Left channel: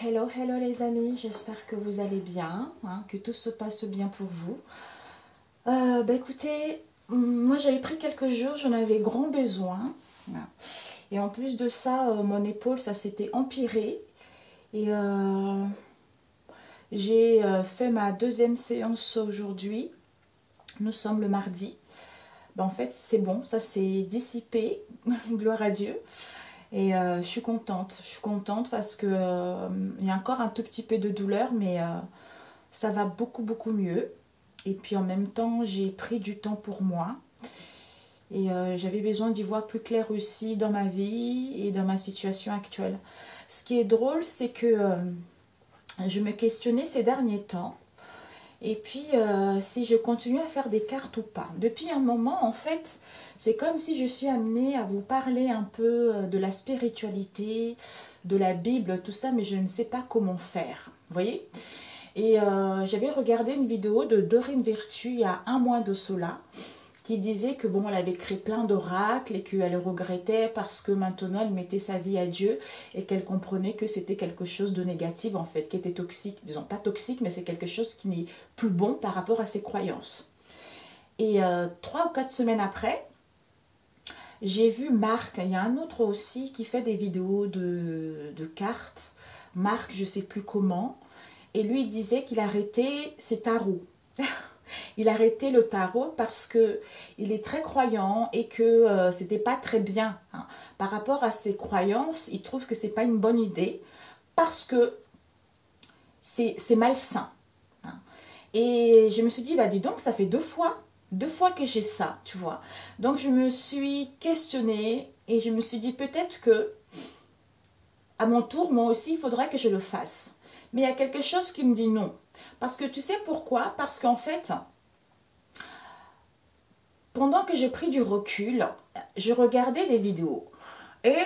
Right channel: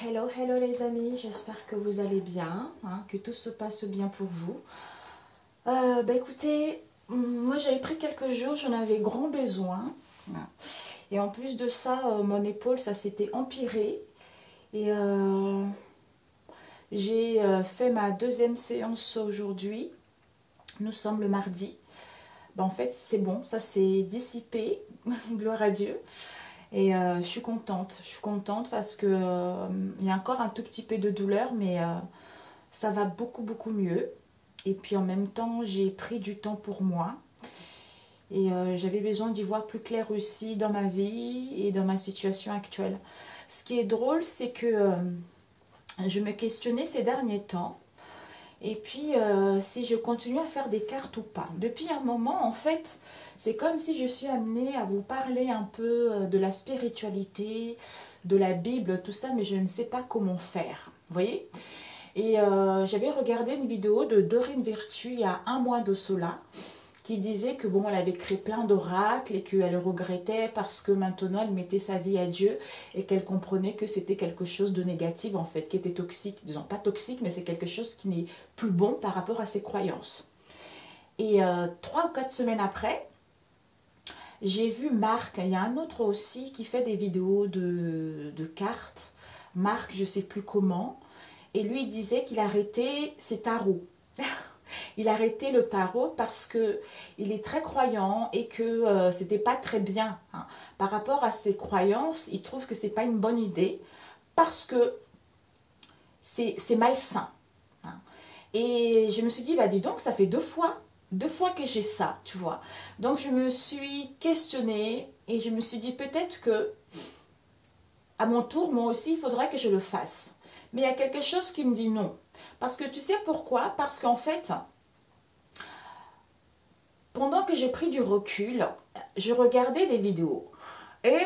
Hello, hello les amis, j'espère que vous allez bien, hein, que tout se passe bien pour vous. Écoutez, moi j'avais pris quelques jours, j'en avais grand besoin. Et en plus de ça, mon épaule, ça s'était empiré. Et j'ai fait ma deuxième séance aujourd'hui. Nous sommes le mardi. En fait, c'est bon, ça s'est dissipé, gloire à Dieu. Et je suis contente parce que il y a encore un tout petit peu de douleur, mais ça va beaucoup mieux. Et puis en même temps, j'ai pris du temps pour moi. Et j'avais besoin d'y voir plus clair aussi dans ma vie et dans ma situation actuelle. Ce qui est drôle, c'est que je me questionnais ces derniers temps. Et puis, si je continue à faire des cartes ou pas. Depuis un moment, en fait, c'est comme si je suis amenée à vous parler un peu de la spiritualité, de la Bible, tout ça, mais je ne sais pas comment faire. Vous voyez? Et j'avais regardé une vidéo de Dorine Virtue il y a un mois de cela, qui disait que bon, elle avait créé plein d'oracles et qu'elle regrettait parce que maintenant elle mettait sa vie à Dieu et qu'elle comprenait que c'était quelque chose de négatif en fait, qui était toxique, disons pas toxique, mais c'est quelque chose qui n'est plus bon par rapport à ses croyances. Et 3 ou 4 semaines après, j'ai vu Marc, il y a un autre aussi qui fait des vidéos de cartes, Marc je sais plus comment, et lui il disait qu'il arrêtait ses tarots. Il a arrêté le tarot parce que il est très croyant et que c'était pas très bien. Hein. Par rapport à ses croyances, il trouve que c'est pas une bonne idée parce que c'est malsain. Hein. Et je me suis dit, bah dis donc, ça fait deux fois que j'ai ça, tu vois. Donc je me suis questionnée et je me suis dit peut-être que à mon tour, moi aussi, il faudrait que je le fasse. Mais il y a quelque chose qui me dit non. Parce que tu sais pourquoi? Parce qu'en fait, pendant que j'ai pris du recul, je regardais des vidéos. Et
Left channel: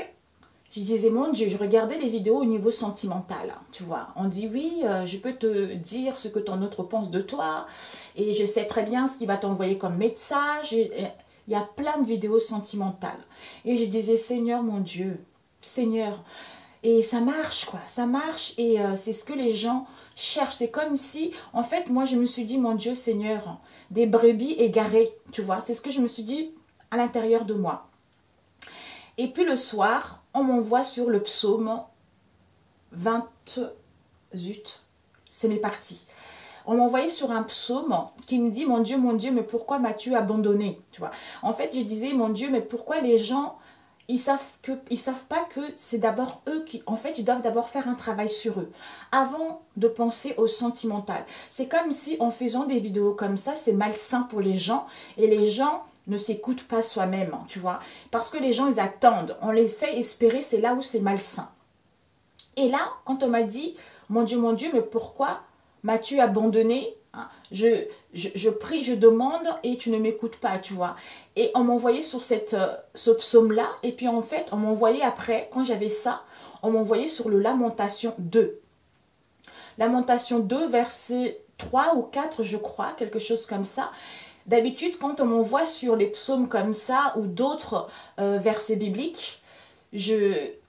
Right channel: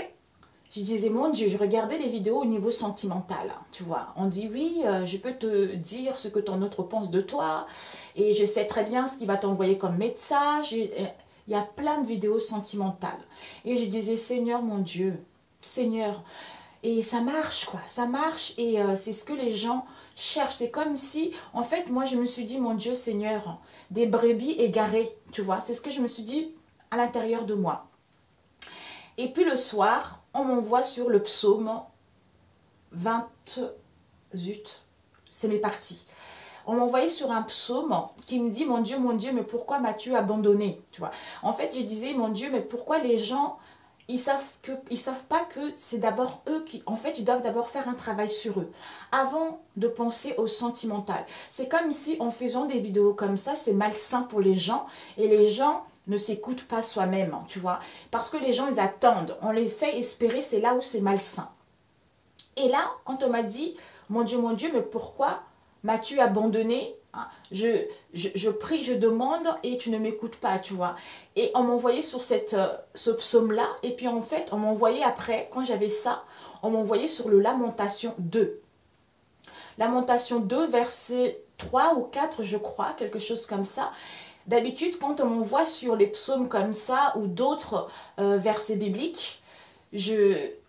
je disais, mon Dieu, je regardais des vidéos au niveau sentimental. Tu vois, on dit, oui, je peux te dire ce que ton autre pense de toi. Et je sais très bien ce qu'il va t'envoyer comme message. Il y a plein de vidéos sentimentales. Et je disais, Seigneur, mon Dieu, Seigneur. Et ça marche, quoi. Ça marche et c'est ce que les gens cherchent. C'est comme si, en fait, moi, je me suis dit, mon Dieu, Seigneur, des brebis égarées, tu vois. C'est ce que je me suis dit à l'intérieur de moi. Et puis le soir, on m'envoie sur le psaume 20, zut, c'est mes parties. On m'a envoyé sur un psaume qui me dit, mon Dieu, mais pourquoi m'as-tu abandonné, tu vois. En fait, je disais, mon Dieu, mais pourquoi les gens... Ils savent pas que c'est d'abord eux qui, en fait, ils doivent d'abord faire un travail sur eux avant de penser au sentimental. C'est comme si en faisant des vidéos comme ça, c'est malsain pour les gens et les gens ne s'écoutent pas soi-même, tu vois. Parce que les gens, ils attendent. On les fait espérer, c'est là où c'est malsain. Et là, quand on m'a dit, mon Dieu, mais pourquoi m'as-tu abandonné? Je prie, je demande et tu ne m'écoutes pas, tu vois. Et on m'envoyait sur ce psaume-là. Et puis en fait, on m'envoyait après, quand j'avais ça, on m'envoyait sur le Lamentation 2. Lamentation 2, verset 3 ou 4, je crois, quelque chose comme ça. D'habitude, quand on m'envoie sur les psaumes comme ça ou d'autres versets bibliques,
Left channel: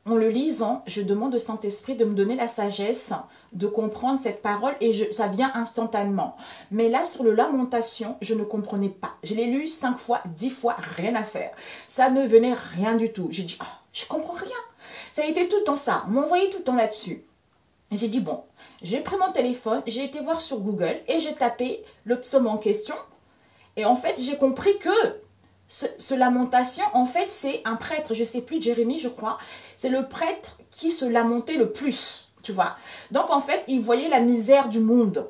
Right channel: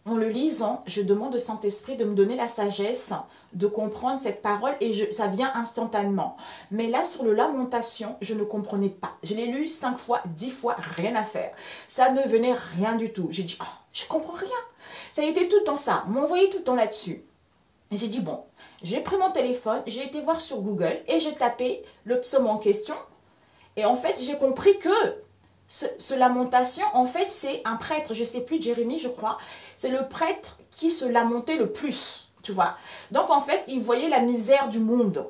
en le lisant, je demande au Saint-Esprit de me donner la sagesse de comprendre cette parole et ça vient instantanément. Mais là, sur le Lamentation, je ne comprenais pas. Je l'ai lu 5 fois, 10 fois, rien à faire. Ça ne venait rien du tout. J'ai dit, oh, je comprends rien. Ça a été tout le temps ça. On m'envoyait tout le temps là-dessus. J'ai dit, bon, j'ai pris mon téléphone, j'ai été voir sur Google et j'ai tapé le psaume en question. Et en fait, j'ai compris que ce Lamentation, en fait, c'est un prêtre, je ne sais plus, Jérémie, je crois. C'est le prêtre qui se lamentait le plus, tu vois. Donc, en fait, il voyait la misère du monde.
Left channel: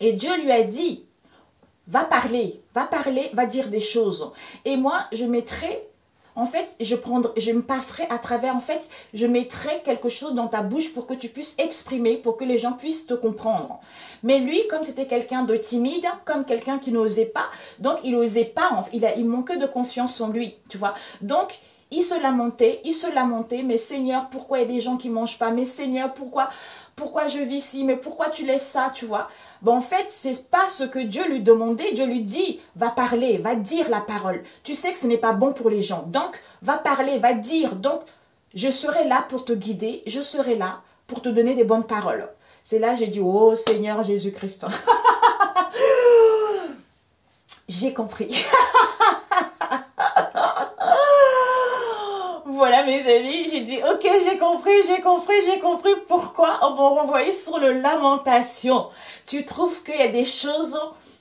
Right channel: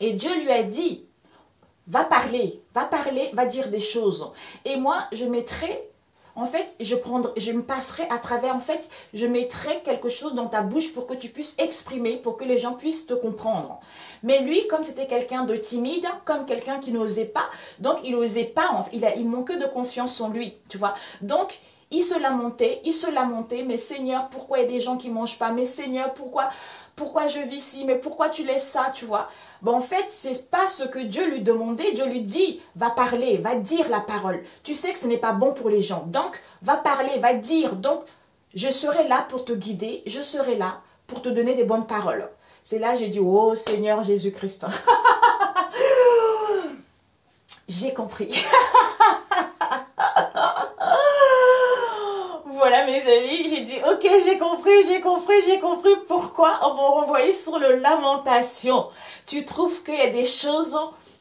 Et Dieu lui a dit, va parler, va dire des choses. Et moi, je mettrai, en fait, je me passerai à travers, en fait, je mettrai quelque chose dans ta bouche pour que tu puisses exprimer, pour que les gens puissent te comprendre. Mais lui, comme c'était quelqu'un de timide, comme quelqu'un qui n'osait pas, donc il n'osait pas, il manquait de confiance en lui, tu vois. Donc, il se lamentait, mais Seigneur, pourquoi il y a des gens qui ne mangent pas? Mais Seigneur, pourquoi je vis ici? Mais pourquoi tu laisses ça, tu vois? Bon, en fait, c'est pas ce que Dieu lui demandait. Dieu lui dit, va parler, va dire la parole. Tu sais que ce n'est pas bon pour les gens. Donc, va parler, va dire. Donc, je serai là pour te guider. Je serai là pour te donner des bonnes paroles. C'est là j'ai dit, oh Seigneur Jésus-Christ. J'ai compris. Voilà mes amis, j'ai dit ok, j'ai compris pourquoi on va renvoyer sur le lamentation. Tu trouves qu'il y a des choses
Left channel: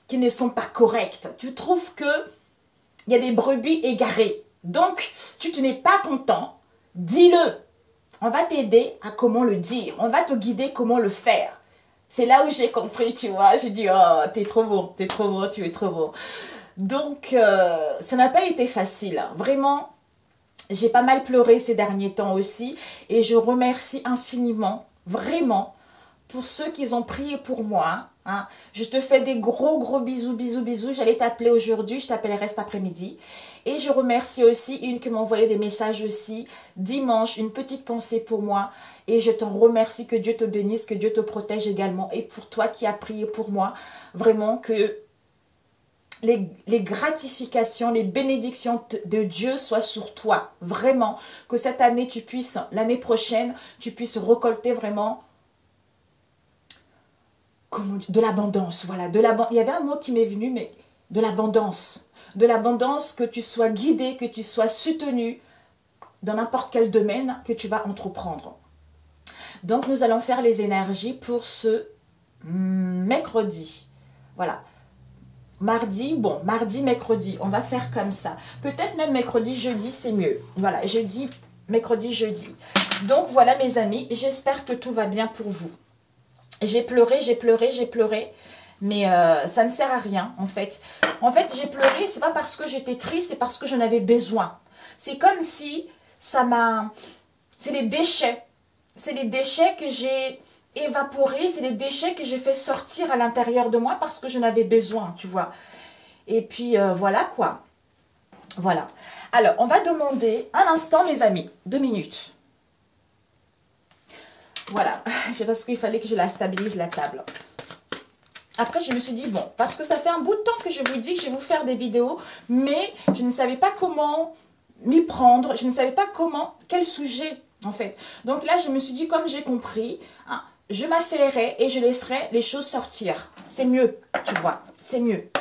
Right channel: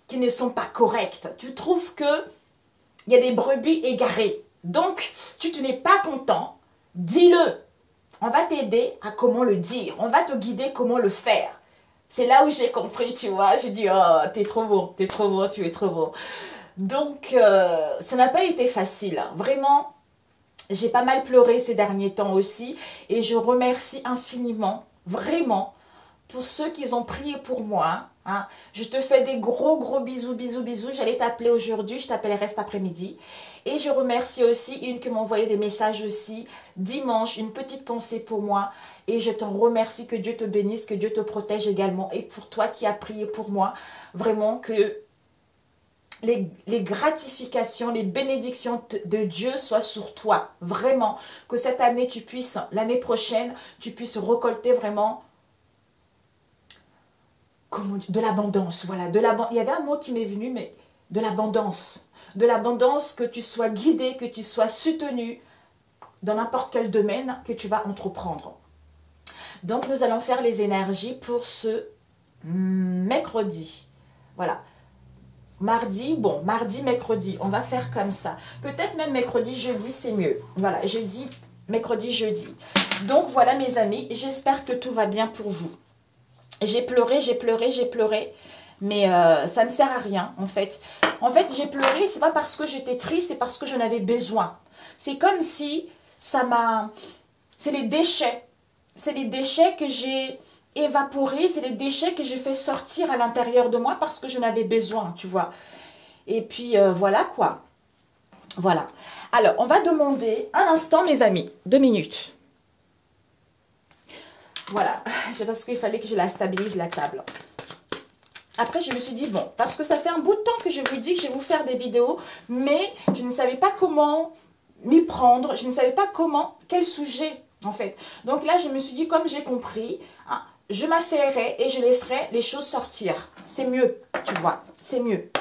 qui ne sont pas correctes. Tu trouves qu'il y a des brebis égarées. Donc, tu n'es pas content, dis-le. On va t'aider à comment le dire. On va te guider comment le faire. C'est là où j'ai compris, tu vois. J'ai dit, oh, t'es trop bon, tu es trop bon. Donc, ça n'a pas été facile. Vraiment, j'ai pas mal pleuré ces derniers temps aussi. Et je remercie infiniment, vraiment, pour ceux qui ont prié pour moi. Hein. Je te fais des gros bisous. J'allais t'appeler aujourd'hui, je t'appellerai cet après-midi. Et je remercie aussi une qui m'a envoyé des messages aussi. Dimanche, une petite pensée pour moi. Et je t'en remercie, que Dieu te bénisse, que Dieu te protège également. Et pour toi qui as prié pour moi, vraiment que les gratifications, les bénédictions de Dieu soient sur toi. Vraiment, que cette année, tu puisses, l'année prochaine, tu puisses récolter vraiment de l'abondance. Voilà, il y avait un mot qui m'est venu, mais de l'abondance. De l'abondance, que tu sois guidé, que tu sois soutenu dans n'importe quel domaine que tu vas entreprendre. Donc, nous allons faire les énergies pour ce mercredi. Voilà. Mardi, mercredi, on va faire comme ça. Peut-être même mercredi, jeudi, c'est mieux. Voilà, mercredi, jeudi. Donc, voilà mes amis, j'espère que tout va bien pour vous. J'ai pleuré, mais ça ne sert à rien, en fait. En fait, j'ai pleuré, c'est pas parce que j'étais triste, c'est parce que j'en avais besoin. C'est comme si ça m'a... C'est les déchets. C'est les déchets que j'ai évaporés, c'est les déchets que j'ai fait sortir à l'intérieur de moi parce que j'en avais besoin, tu vois. Et puis, voilà quoi. Voilà. Alors, on va demander un instant, mes amis. 2 minutes. Voilà. C'est parce qu'il fallait que je la stabilise, la table. Après, je me suis dit, bon, parce que ça fait un bout de temps que je vous dis que je vais vous faire des vidéos, mais je ne savais pas comment m'y prendre. Je ne savais pas quel sujet, en fait. Donc là, je me suis dit, comme j'ai compris, hein, je m'asseoirai et je laisserai les choses sortir. C'est mieux, tu vois, c'est mieux.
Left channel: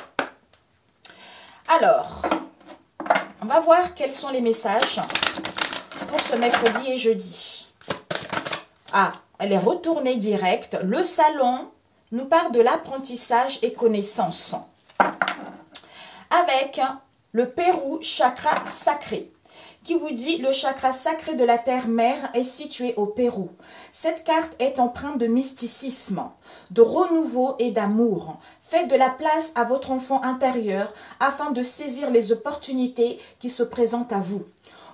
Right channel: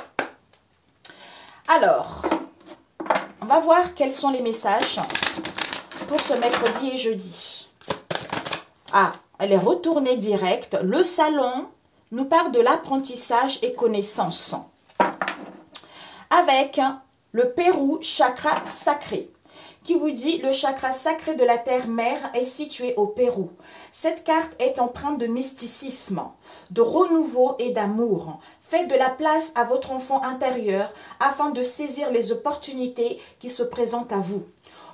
Alors, on va voir quels sont les messages pour ce mercredi et jeudi. Ah, elle est retournée directe. Le salon nous parle de l'apprentissage et connaissance. Avec le Pérou chakra sacré, qui vous dit le chakra sacré de la terre-mère est situé au Pérou. Cette carte est empreinte de mysticisme, de renouveau et d'amour. Faites de la place à votre enfant intérieur afin de saisir les opportunités qui se présentent à vous.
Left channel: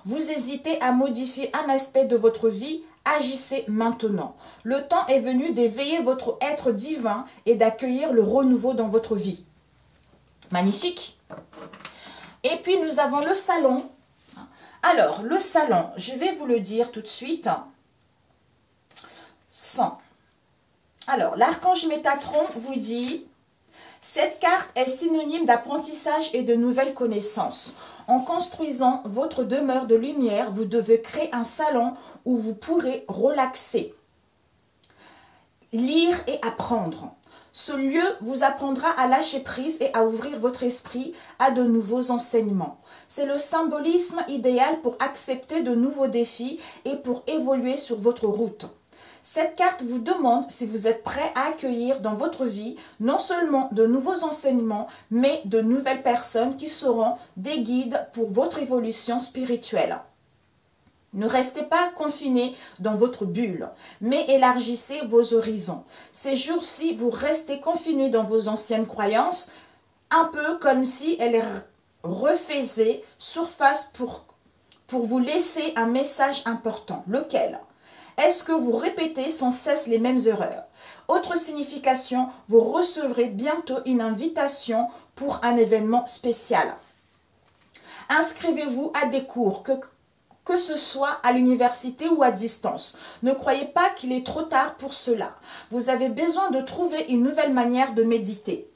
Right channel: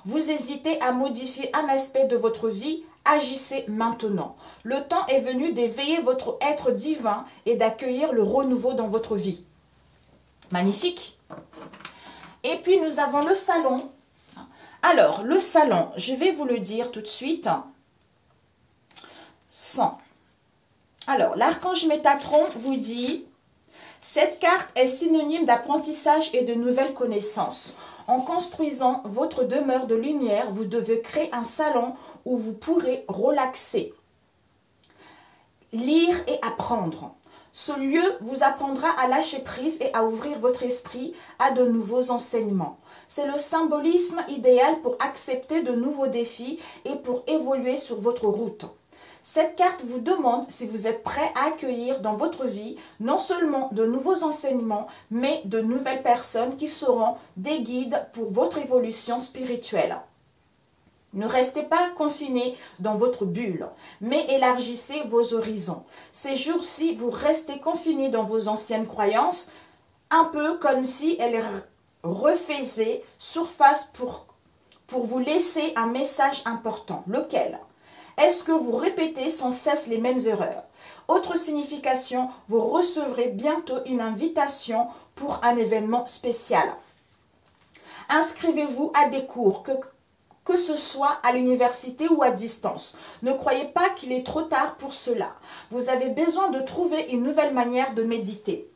Vous hésitez à modifier un aspect de votre vie, agissez maintenant. Le temps est venu d'éveiller votre être divin et d'accueillir le renouveau dans votre vie. Magnifique. Et puis nous avons le salon. Alors, le salon, je vais vous le dire tout de suite. 100. Alors, l'archange Métatron vous dit, cette carte est synonyme d'apprentissage et de nouvelles connaissances. En construisant votre demeure de lumière, vous devez créer un salon où vous pourrez relaxer, lire et apprendre. Ce lieu vous apprendra à lâcher prise et à ouvrir votre esprit à de nouveaux enseignements. C'est le symbolisme idéal pour accepter de nouveaux défis et pour évoluer sur votre route. Cette carte vous demande si vous êtes prêt à accueillir dans votre vie non seulement de nouveaux enseignements, mais de nouvelles personnes qui seront des guides pour votre évolution spirituelle. Ne restez pas confinés dans votre bulle, mais élargissez vos horizons. Ces jours-ci, vous restez confinés dans vos anciennes croyances, un peu comme si elles refaisaient surface pour vous laisser un message important. Lequel ? Est-ce que vous répétez sans cesse les mêmes erreurs? Autre signification, vous recevrez bientôt une invitation pour un événement spécial. Inscrivez-vous à des cours, que ce soit à l'université ou à distance. Ne croyez pas qu'il est trop tard pour cela. Vous avez besoin de trouver une nouvelle manière de méditer.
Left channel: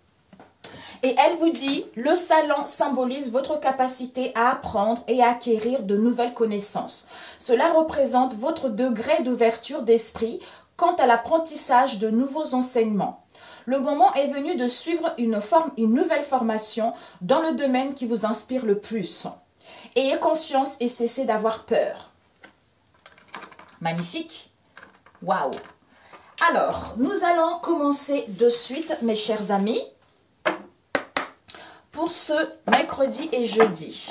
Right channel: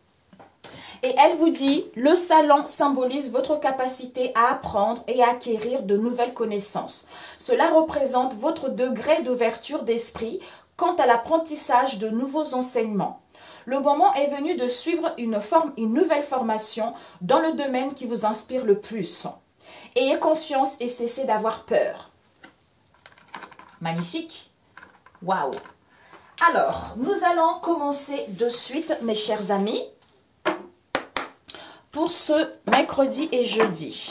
Et elle vous dit, le salon symbolise votre capacité à apprendre et à acquérir de nouvelles connaissances. Cela représente votre degré d'ouverture d'esprit quant à l'apprentissage de nouveaux enseignements. Le moment est venu de suivre une nouvelle formation dans le domaine qui vous inspire le plus. Ayez confiance et cessez d'avoir peur. Magnifique. Waouh. Alors, nous allons commencer de suite, mes chers amis, pour ce mercredi et jeudi.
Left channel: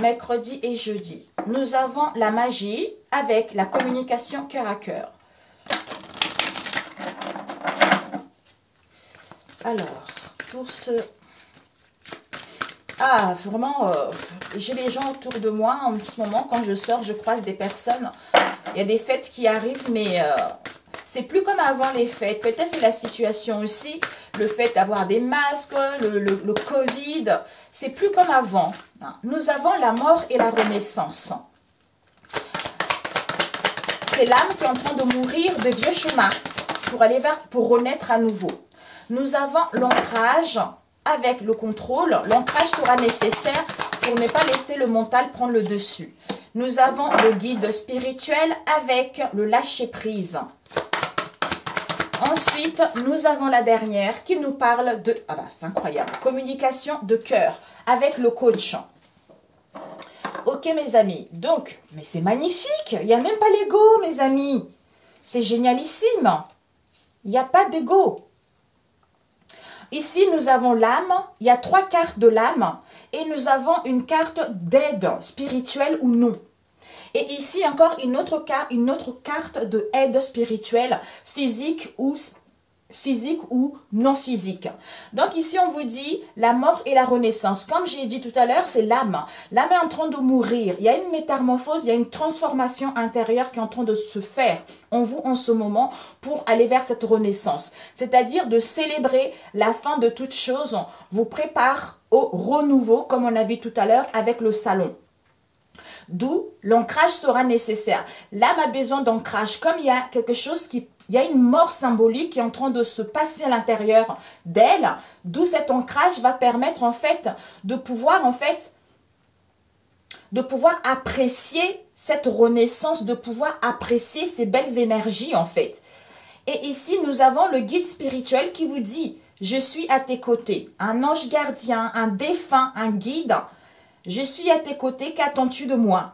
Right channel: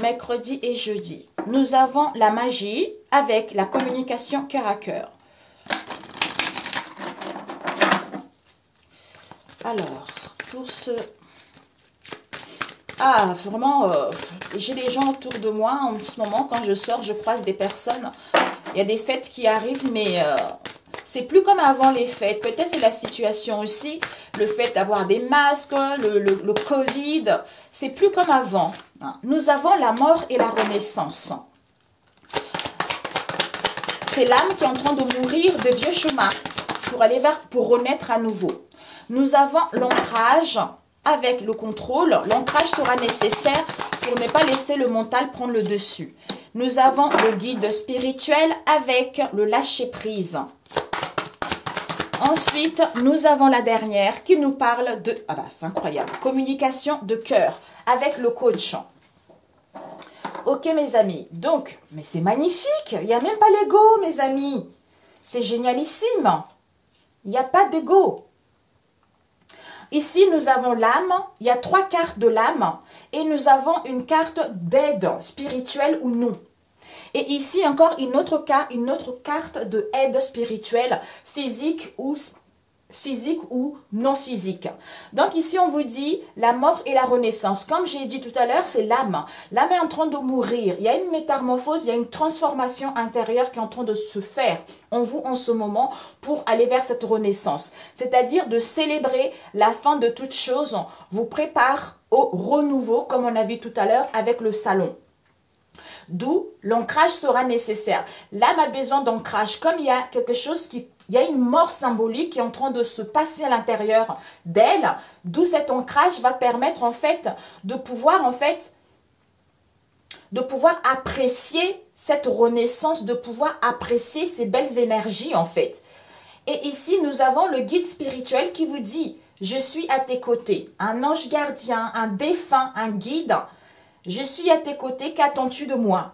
Mercredi et jeudi. Nous avons la magie avec la communication cœur à cœur. Alors, pour ce... Ah, vraiment, j'ai des gens autour de moi en ce moment. Quand je sors, je croise des personnes. Il y a des fêtes qui arrivent, mais c'est plus comme avant les fêtes. Peut-être c'est la situation aussi. Le fait d'avoir des masques, le Covid, c'est plus comme avant. Nous avons la mort et la renaissance. C'est l'âme qui est en train de mourir de vieux chemins pour renaître à nouveau. Nous avons l'ancrage avec le contrôle. L'ancrage sera nécessaire pour ne pas laisser le mental prendre le dessus. Nous avons le guide spirituel avec le lâcher-prise. Ensuite, nous avons la dernière qui nous parle de... Ah bah, c'est incroyable. Communication de cœur avec le coach. Ok, mes amis. Donc, mais c'est magnifique. Il n'y a même pas l'ego, mes amis. C'est génialissime. Il n'y a pas d'ego. Ici, nous avons l'âme. Il y a 3 cartes de l'âme. Et nous avons une carte d'aide spirituelle ou non. Et ici, encore une autre carte de aide spirituelle, physique ou non physique. Donc ici, on vous dit la mort et la renaissance. Comme j'ai dit tout à l'heure, c'est l'âme. L'âme est en train de mourir. Il y a une métamorphose, il y a une transformation intérieure qui est en train de se faire en vous en ce moment pour aller vers cette renaissance. C'est-à-dire de célébrer la fin de toute chose, vous prépare au renouveau, comme on a vu tout à l'heure avec le salon. D'où l'ancrage sera nécessaire. L'âme a besoin d'ancrage. Comme il y a quelque chose il y a une mort symbolique qui est en train de se passer à l'intérieur d'elle, d'où cet ancrage va permettre en fait de pouvoir apprécier cette renaissance, de pouvoir apprécier ces belles énergies en fait. Et ici, nous avons le guide spirituel qui vous dit « Je suis à tes côtés ». Un ange gardien, un défunt, un guide. Je suis à tes côtés, qu'attends-tu de moi?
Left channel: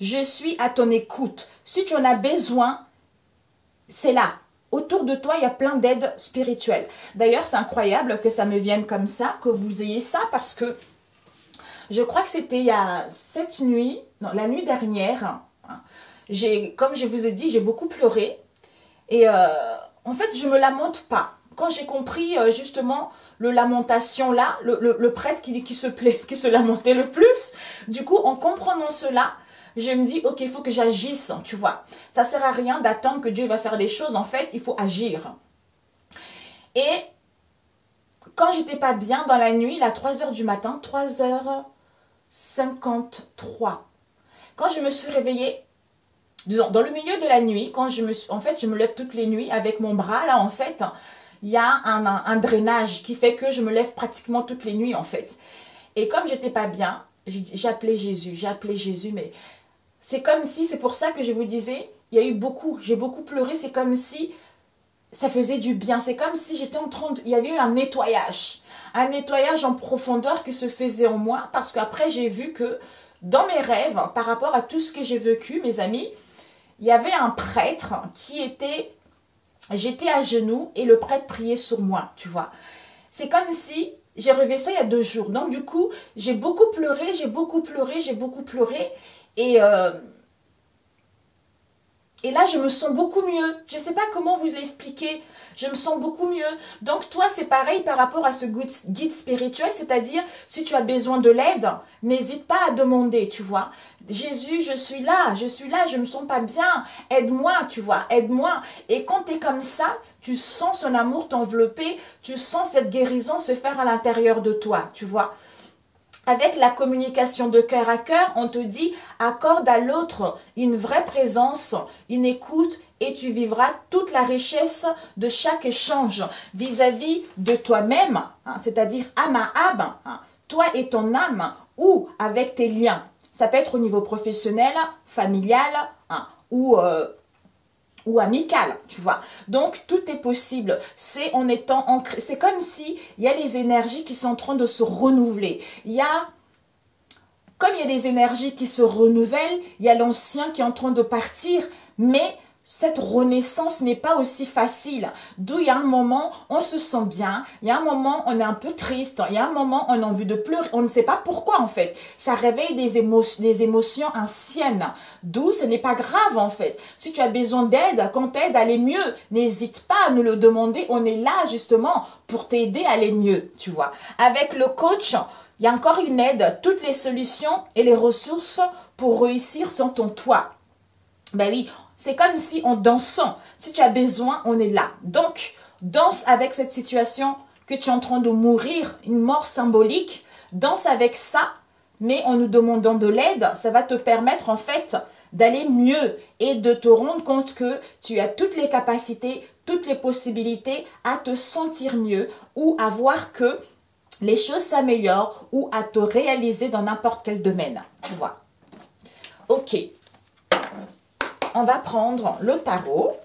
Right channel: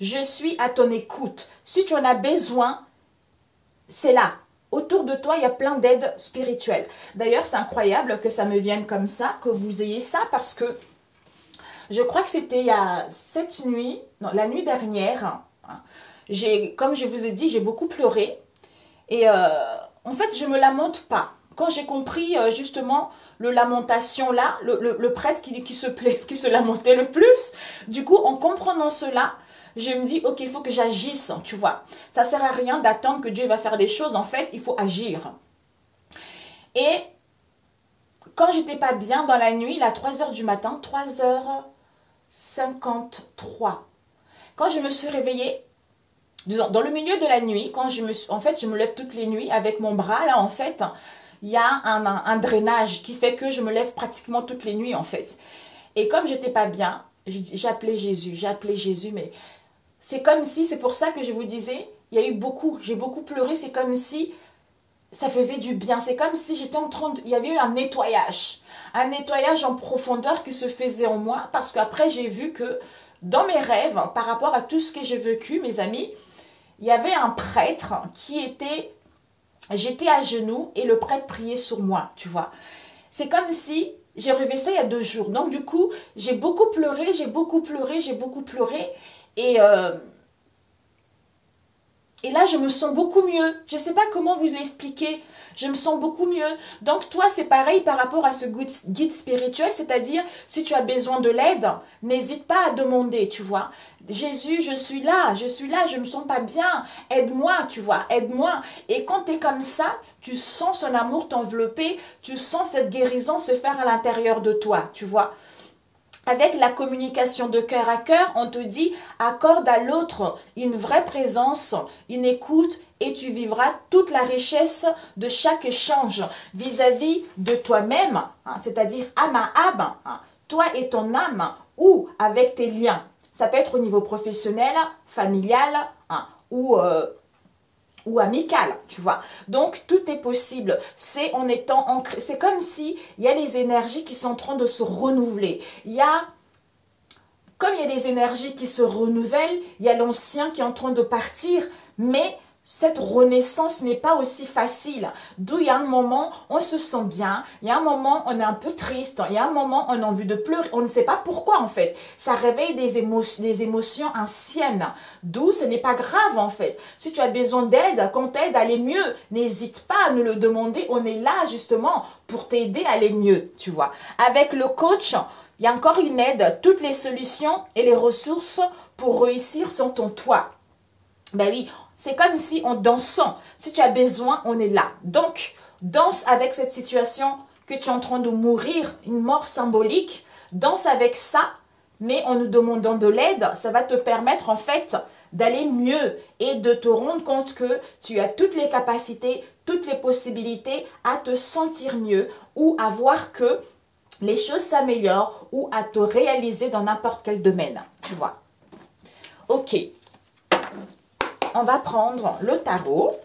Je suis à ton écoute. Si tu en as besoin, c'est là. Autour de toi, il y a plein d'aides spirituelles. D'ailleurs, c'est incroyable que ça me vienne comme ça, que vous ayez ça, parce que je crois que c'était il y a cette nuit, non, la nuit dernière, comme je vous ai dit, j'ai beaucoup pleuré. Et en fait, je ne me lamente pas. Quand j'ai compris justement le lamentation là, le prêtre qui se lamentait le plus, du coup, en comprenant cela, je me dis, ok, il faut que j'agisse, tu vois. Ça ne sert à rien d'attendre que Dieu va faire des choses. En fait, il faut agir. Et quand j'étais pas bien dans la nuit, à 3 h du matin, 3h53, quand je me suis réveillée, disons, dans le milieu de la nuit, quand je me lève toutes les nuits avec mon bras, là, en fait, il y a un drainage qui fait que je me lève pratiquement toutes les nuits, en fait. Et comme j'étais pas bien, j'ai appelé Jésus, mais c'est comme si, c'est pour ça que je vous disais, j'ai beaucoup pleuré, c'est comme si ça faisait du bien, c'est comme si j'étais il y avait eu un nettoyage en profondeur qui se faisait en moi, parce qu'après j'ai vu que dans mes rêves, par rapport à tout ce que j'ai vécu, mes amis, il y avait un prêtre j'étais à genoux et le prêtre priait sur moi, tu vois. C'est comme si, j'ai rêvé ça il y a 2 jours. Donc du coup, j'ai beaucoup pleuré. Et là, je me sens beaucoup mieux. Je ne sais pas comment vous l'expliquer. Je me sens beaucoup mieux. Donc, toi, c'est pareil par rapport à ce guide spirituel. C'est-à-dire, si tu as besoin de l'aide, n'hésite pas à demander, tu vois. Jésus, je suis là, je me sens pas bien. Aide-moi, tu vois, aide-moi. Et quand tu es comme ça, tu sens son amour t'envelopper. Tu sens cette guérison se faire à l'intérieur de toi, tu vois. Avec la communication de cœur à cœur, on te dit accorde à l'autre une vraie présence, une écoute et tu vivras toute la richesse de chaque échange vis-à-vis de toi-même, c'est-à-dire âme à âme, toi et ton âme ou avec tes liens. Ça peut être au niveau professionnel, familial, hein, ou amical, tu vois. Donc, tout est possible. C'est en étant ancré. C'est comme si il y a les énergies qui sont en train de se renouveler. Comme il y a des énergies qui se renouvellent, il y a l'ancien qui est en train de partir, mais cette renaissance n'est pas aussi facile. D'où il y a un moment, on se sent bien, il y a un moment, on est un peu triste, il y a un moment, on a envie de pleurer, on ne sait pas pourquoi en fait. Ça réveille des émotions anciennes, d'où ce n'est pas grave en fait. Si tu as besoin d'aide, quand t'aides à aller mieux, n'hésite pas à nous le demander, on est là justement pour t'aider à aller mieux, tu vois. Avec le coach, il y a encore une aide, toutes les solutions et les ressources pour réussir sont en toi. Ben oui, c'est comme si en dansant, si tu as besoin, on est là. Donc, danse avec cette situation que tu es en train de mourir, une mort symbolique. Danse avec ça, mais en nous demandant de l'aide, ça va te permettre en fait d'aller mieux et de te rendre compte que tu as toutes les capacités, toutes les possibilités à te sentir mieux ou à voir que les choses s'améliorent ou à te réaliser dans n'importe quel domaine, tu vois. Ok. On va prendre le tarot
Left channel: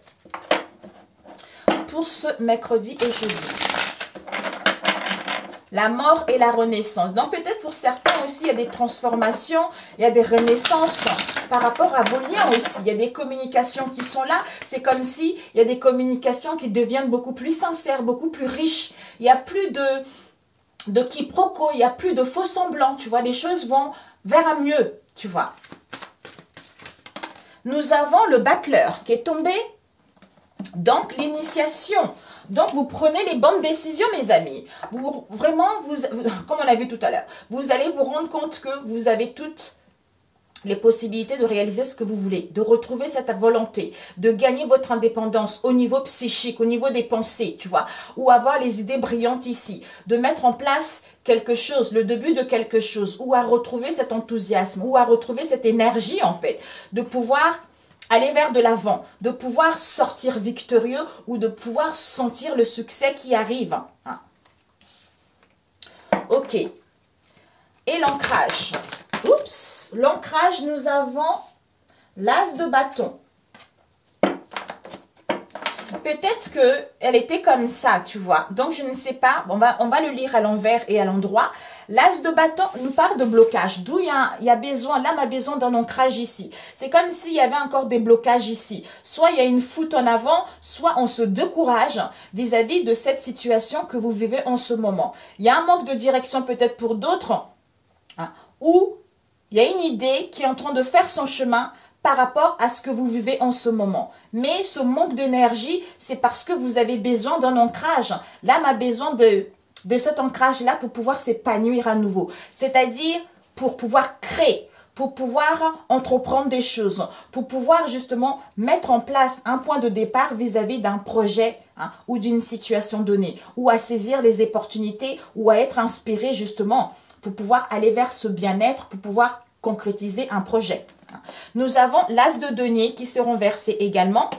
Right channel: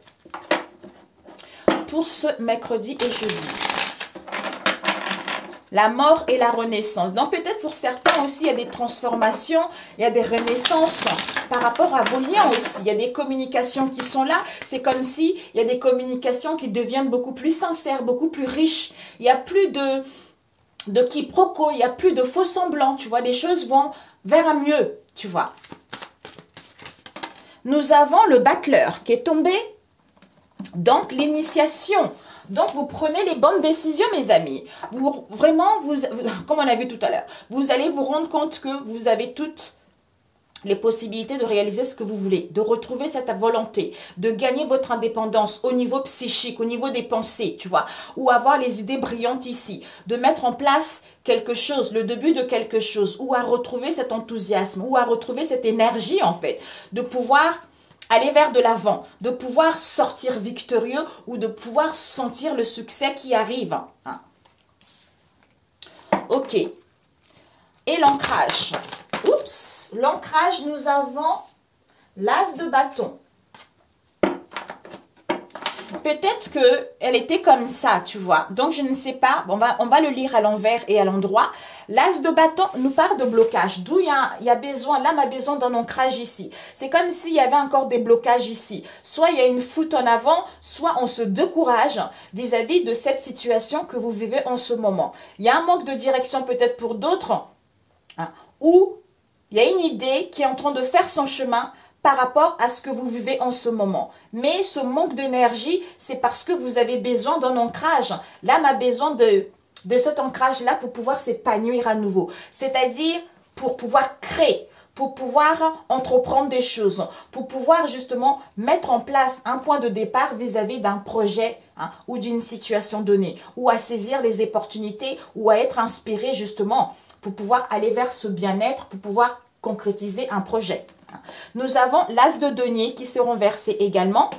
pour ce mercredi et jeudi. La mort et la renaissance. Donc peut-être pour certains aussi, il y a des transformations, il y a des renaissances par rapport à vos liens aussi. Il y a des communications qui sont là. C'est comme si il y a des communications qui deviennent beaucoup plus sincères, beaucoup plus riches. Il n'y a plus de quiproquos, il n'y a plus de faux semblants. Tu vois, les choses vont vers un mieux, tu vois. Nous avons le battleur qui est tombé. Donc, l'initiation. Donc, vous prenez les bonnes décisions, mes amis. Comme on a vu tout à l'heure, vous allez vous rendre compte que vous avez toutes les possibilités de réaliser ce que vous voulez, de retrouver cette volonté, de gagner votre indépendance au niveau psychique, au niveau des pensées, tu vois, ou avoir les idées brillantes ici, de mettre en place quelque chose, le début de quelque chose, ou à retrouver cet enthousiasme, ou à retrouver cette énergie en fait, de pouvoir aller vers de l'avant, de pouvoir sortir victorieux ou de pouvoir sentir le succès qui arrive. Hein. Ok. Et l'ancrage. Oups, l'ancrage, nous avons l'as de bâton. Peut-être qu'elle était comme ça, tu vois. Donc, je ne sais pas. On va le lire à l'envers et à l'endroit. L'as de bâton nous parle de blocage. D'où il y a besoin, l'âme a besoin d'un ancrage ici. C'est comme s'il y avait encore des blocages ici. Soit il y a une fuite en avant, soit on se décourage vis-à-vis de cette situation que vous vivez en ce moment. Il y a un manque de direction peut-être pour d'autres, hein, ou il y a une idée qui est en train de faire son chemin par rapport à ce que vous vivez en ce moment. Mais ce manque d'énergie, c'est parce que vous avez besoin d'un ancrage. L'âme a besoin de cet ancrage-là pour pouvoir s'épanouir à nouveau. C'est-à-dire pour pouvoir créer, pour pouvoir entreprendre des choses, pour pouvoir justement mettre en place un point de départ vis-à-vis d'un projet, hein, ou d'une situation donnée, ou à saisir les opportunités, ou à être inspiré justement pour pouvoir aller vers ce bien-être, pour pouvoir concrétiser un projet. Nous avons l'as de denier qui se renversé également.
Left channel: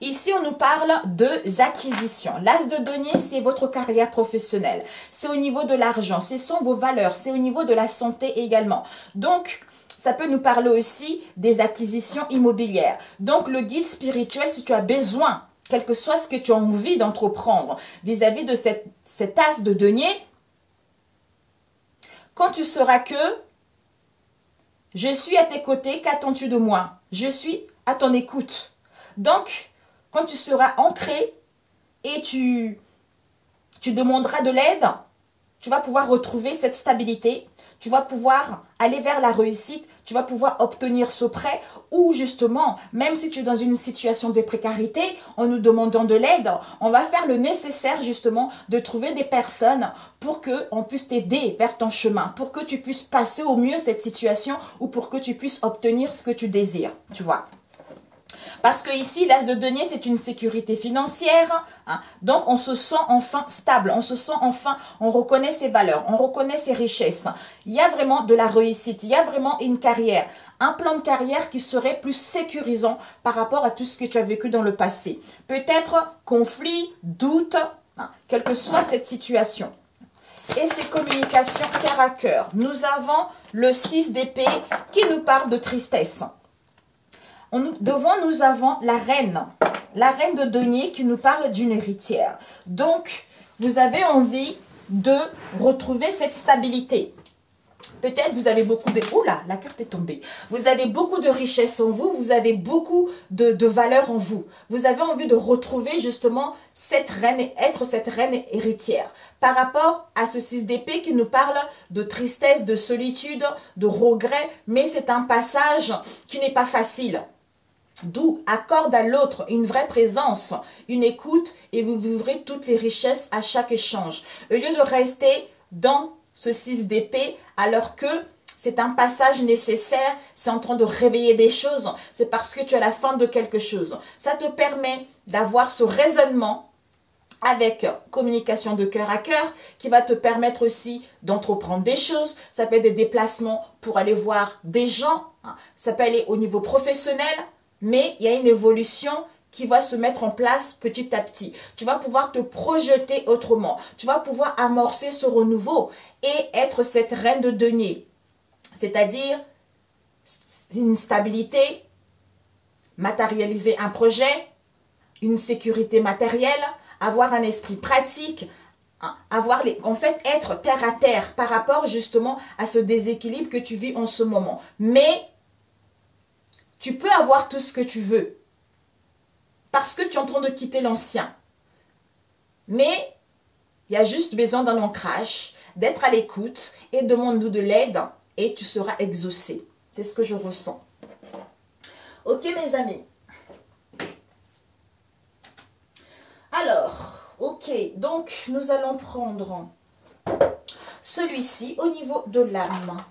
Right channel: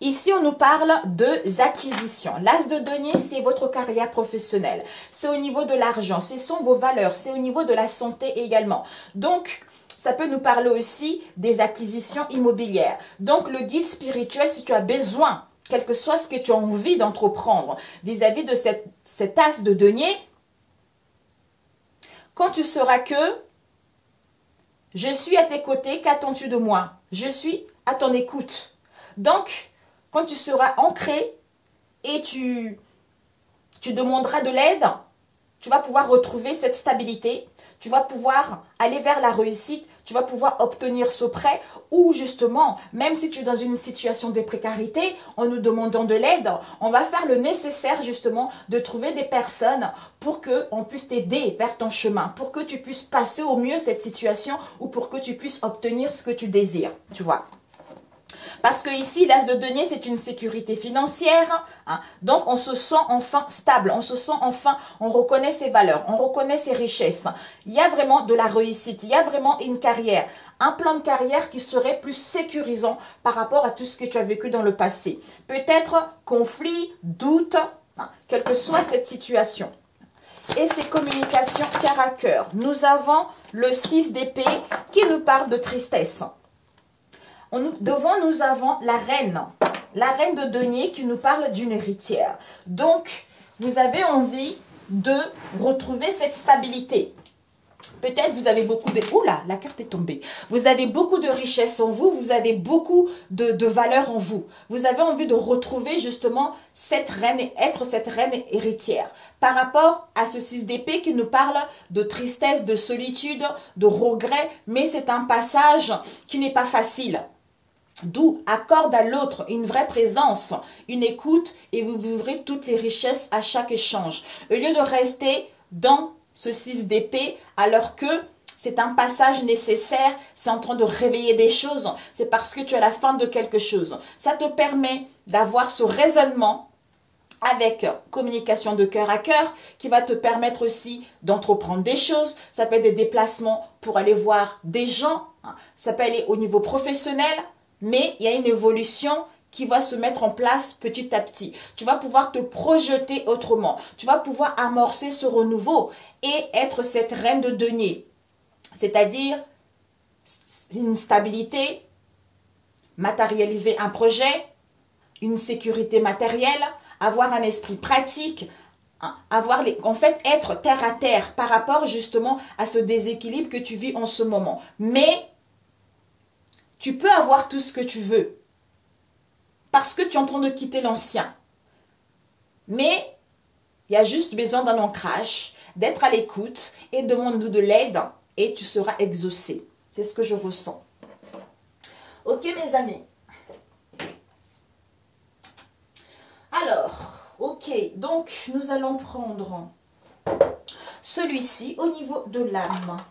Ici, on nous parle de acquisitions. L'as de denier, c'est votre carrière professionnelle. C'est au niveau de l'argent, ce sont vos valeurs, c'est au niveau de la santé également. Donc, ça peut nous parler aussi des acquisitions immobilières. Donc, le guide spirituel, si tu as besoin, quel que soit ce que tu as envie d'entreprendre vis-à-vis de cet as de denier, quand tu sauras que je suis à tes côtés, qu'attends-tu de moi? Je suis à ton écoute. Donc, quand tu seras ancré et tu demanderas de l'aide, tu vas pouvoir retrouver cette stabilité, tu vas pouvoir aller vers la réussite, tu vas pouvoir obtenir ce prêt ou justement, même si tu es dans une situation de précarité, en nous demandant de l'aide, on va faire le nécessaire justement de trouver des personnes pour qu'on puisse t'aider vers ton chemin, pour que tu puisses passer au mieux cette situation ou pour que tu puisses obtenir ce que tu désires, tu vois. Parce que ici, l'as de denier, c'est une sécurité financière. Hein. Donc, on se sent enfin stable. On se sent enfin, on reconnaît ses valeurs. On reconnaît ses richesses. Il y a vraiment de la réussite. Il y a vraiment une carrière. Un plan de carrière qui serait plus sécurisant par rapport à tout ce que tu as vécu dans le passé. Peut-être conflit, doute, hein, quelle que soit cette situation. et c'est communication cœur à cœur. Nous avons le 6 d'épée qui nous parle de tristesse. Devant, nous avons la reine de denier qui nous parle d'une héritière. Donc, vous avez envie de retrouver cette stabilité. Peut-être vous avez beaucoup de... Oula, la carte est tombée. Vous avez beaucoup de richesse en vous, vous avez beaucoup de valeur en vous. Vous avez envie de retrouver justement cette reine et être cette reine héritière. Par rapport à ce 6 d'épée qui nous parle de tristesse, de solitude, de regret, mais c'est un passage qui n'est pas facile. D'où accorde à l'autre une vraie présence, une écoute et vous vivrez toutes les richesses à chaque échange. Au lieu de rester dans ce 6 d'épée alors que c'est un passage nécessaire, c'est en train de réveiller des choses, c'est parce que tu es à la fin de quelque chose. Ça te permet d'avoir ce raisonnement avec communication de cœur à cœur qui va te permettre aussi d'entreprendre des choses. Ça peut être des déplacements pour aller voir des gens, ça peut aller au niveau professionnel. Mais il y a une évolution qui va se mettre en place petit à petit. Tu vas pouvoir te projeter autrement. Tu vas pouvoir amorcer ce renouveau et être cette reine de denier. C'est-à-dire une stabilité, matérialiser un projet, une sécurité matérielle, avoir un esprit pratique, en fait, être terre à terre par rapport justement à ce déséquilibre que tu vis en ce moment. Mais tu peux avoir tout ce que tu veux parce que tu es en train de quitter l'ancien. Mais il y a juste besoin d'un ancrage, d'être à l'écoute et demande-nous de l'aide et tu seras exaucé. C'est ce que je ressens. Ok mes amis. Alors, ok, donc nous allons prendre celui-ci au niveau de l'âme.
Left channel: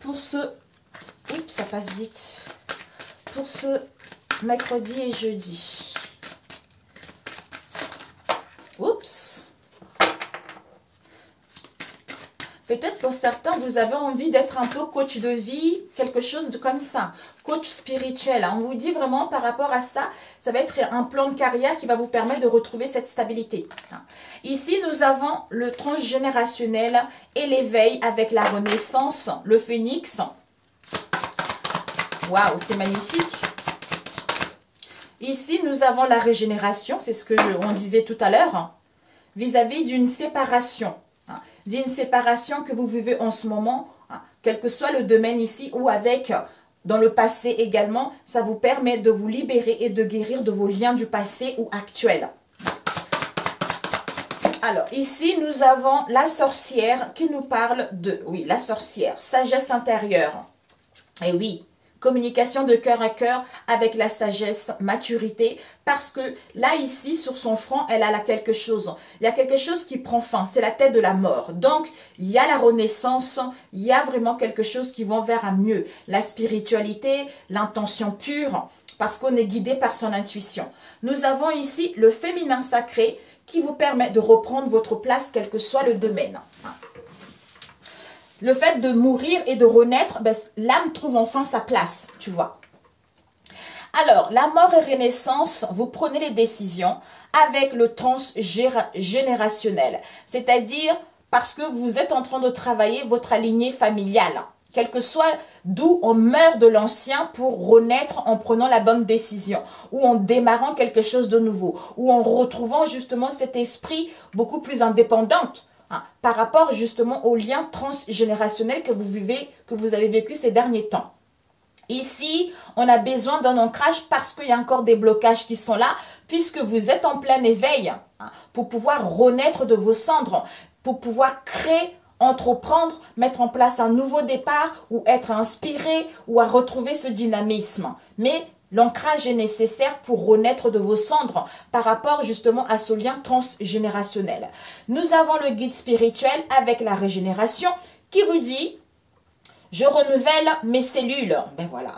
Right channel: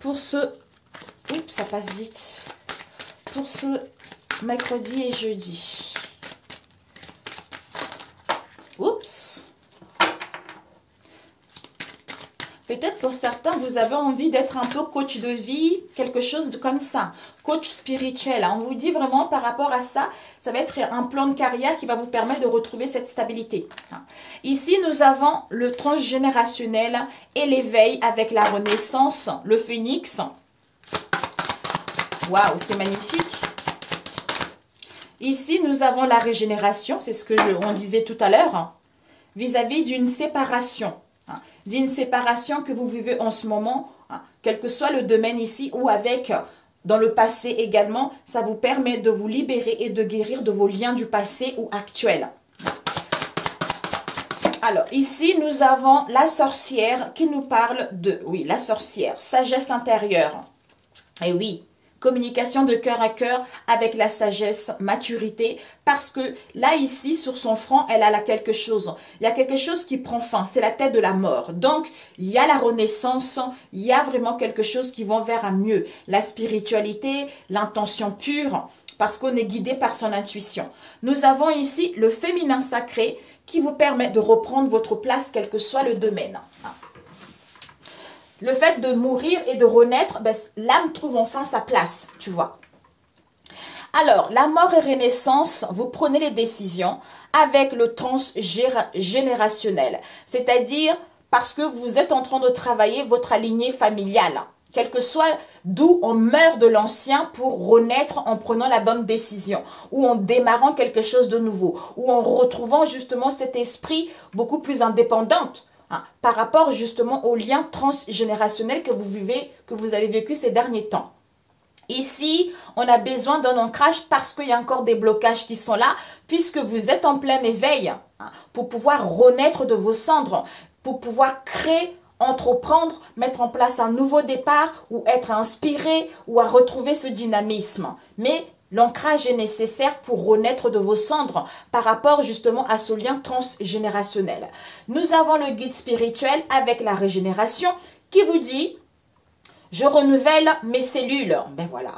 Pour ce... Oups, ça passe vite. Pour ce mercredi et jeudi. Oups. Peut-être pour certains, vous avez envie d'être un peu coach de vie, quelque chose de comme ça. Coach spirituel. On vous dit vraiment par rapport à ça, ça va être un plan de carrière qui va vous permettre de retrouver cette stabilité. Ici, nous avons le transgénérationnel et l'éveil avec la renaissance, le phénix. Waouh, c'est magnifique. Ici, nous avons la régénération, c'est ce que on disait tout à l'heure, vis-à-vis d'une séparation. D'une séparation que vous vivez en ce moment, quel que soit le domaine ici ou avec, dans le passé également, ça vous permet de vous libérer et de guérir de vos liens du passé ou actuels. Alors, ici, nous avons la sorcière qui nous parle de, oui, la sorcière, sagesse intérieure. Et oui, communication de cœur à cœur avec la sagesse, maturité, parce que là, ici, sur son front, elle a là quelque chose. Il y a quelque chose qui prend fin, c'est la tête de la mort. Donc, il y a la renaissance, il y a vraiment quelque chose qui va vers un mieux. La spiritualité, l'intention pure, parce qu'on est guidé par son intuition. Nous avons ici le féminin sacré qui vous permet de reprendre votre place, quel que soit le domaine. Le fait de mourir et de renaître, ben, l'âme trouve enfin sa place, tu vois. Alors, la mort et renaissance, vous prenez les décisions avec le transgénérationnel. C'est-à-dire parce que vous êtes en train de travailler votre lignée familiale. Quel que soit d'où on meurt de l'ancien pour renaître en prenant la bonne décision. Ou en démarrant quelque chose de nouveau. Ou en retrouvant justement cet esprit beaucoup plus indépendant. Par rapport justement au lien transgénérationnel que vous vivez, que vous avez vécu ces derniers temps. Ici, on a besoin d'un ancrage parce qu'il y a encore des blocages qui sont là, puisque vous êtes en plein éveil, pour pouvoir renaître de vos cendres, pour pouvoir créer, entreprendre, mettre en place un nouveau départ, ou être inspiré, ou à retrouver ce dynamisme. Mais l'ancrage est nécessaire pour renaître de vos cendres par rapport justement à ce lien transgénérationnel. Nous avons le guide spirituel avec la régénération qui vous dit « Je renouvelle mes cellules ». Ben voilà.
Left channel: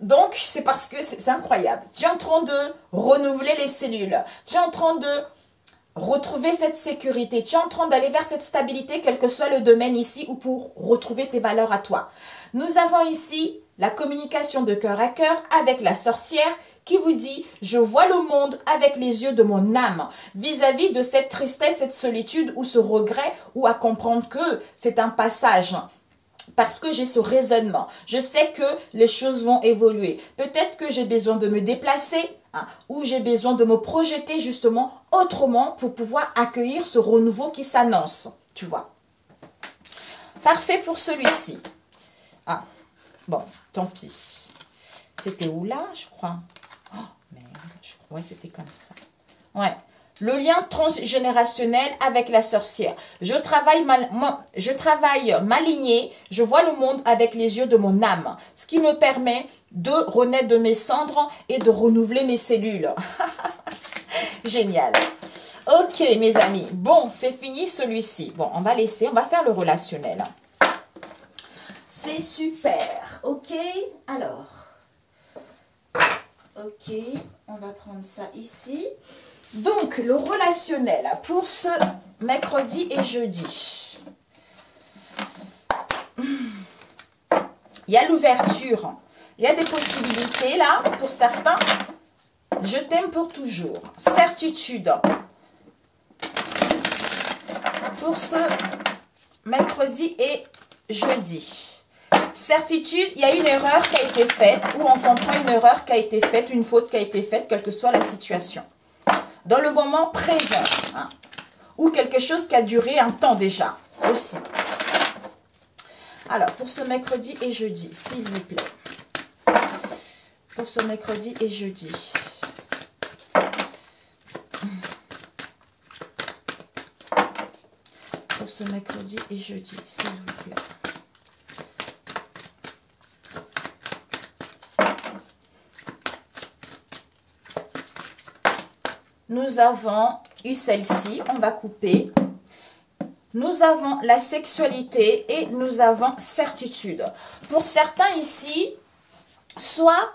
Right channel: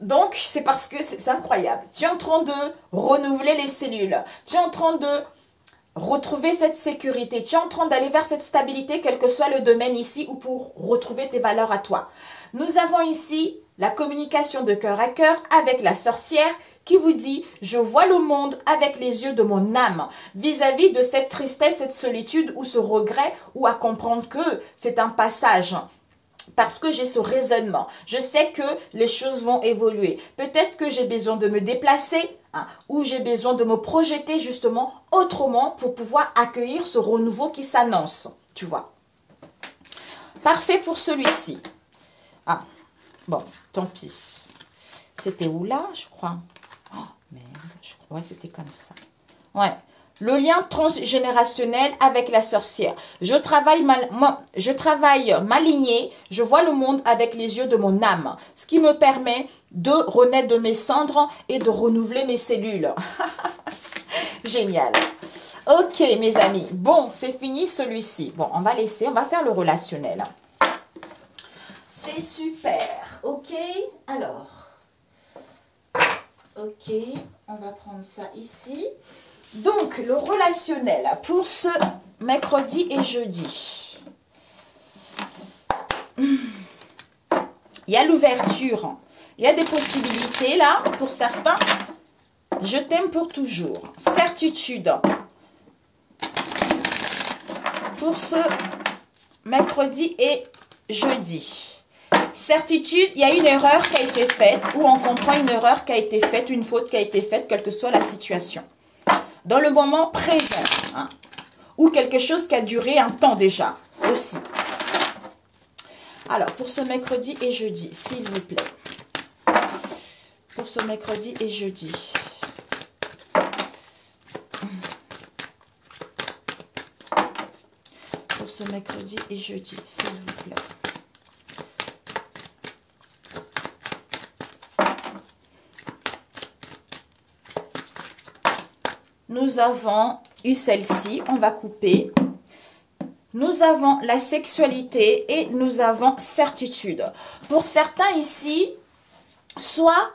Donc, c'est parce que c'est incroyable. Tu es en train de renouveler les cellules. Tu es en train de retrouver cette sécurité. Tu es en train d'aller vers cette stabilité, quel que soit le domaine ici, ou pour retrouver tes valeurs à toi. Nous avons ici la communication de cœur à cœur avec la sorcière qui vous dit « Je vois le monde avec les yeux de mon âme » vis-à-vis de cette tristesse, cette solitude ou ce regret, ou à comprendre que c'est un passage. Parce que j'ai ce raisonnement. Je sais que les choses vont évoluer. Peut-être que j'ai besoin de me déplacer ou j'ai besoin de me projeter justement autrement pour pouvoir accueillir ce renouveau qui s'annonce. Tu vois. Parfait pour celui-ci. Ah, bon, tant pis. C'était où là, je crois? Oh, merde, je crois que c'était comme ça. Ouais. Le lien transgénérationnel avec la sorcière. Je travaille ma lignée, je vois le monde avec les yeux de mon âme, ce qui me permet de renaître de mes cendres et de renouveler mes cellules. Génial. Ok, mes amis. Bon, c'est fini celui-ci. Bon, on va faire le relationnel. C'est super. Ok, alors. Ok, on va prendre ça ici. Donc, le relationnel pour ce mercredi et jeudi. Il y a l'ouverture. Il y a des possibilités là pour certains. Je t'aime pour toujours. Certitude. Pour ce mercredi et jeudi. Certitude, il y a une erreur qui a été faite ou on comprend une erreur qui a été faite, une faute qui a été faite, quelle que soit la situation. Dans le moment présent, ou quelque chose qui a duré un temps déjà, aussi. Alors, pour ce mercredi et jeudi, s'il vous plaît. Pour ce mercredi et jeudi. Pour ce mercredi et jeudi, s'il vous plaît. Nous avons eu celle-ci, on va couper. Nous avons la sexualité et nous avons certitude. Pour certains ici, soit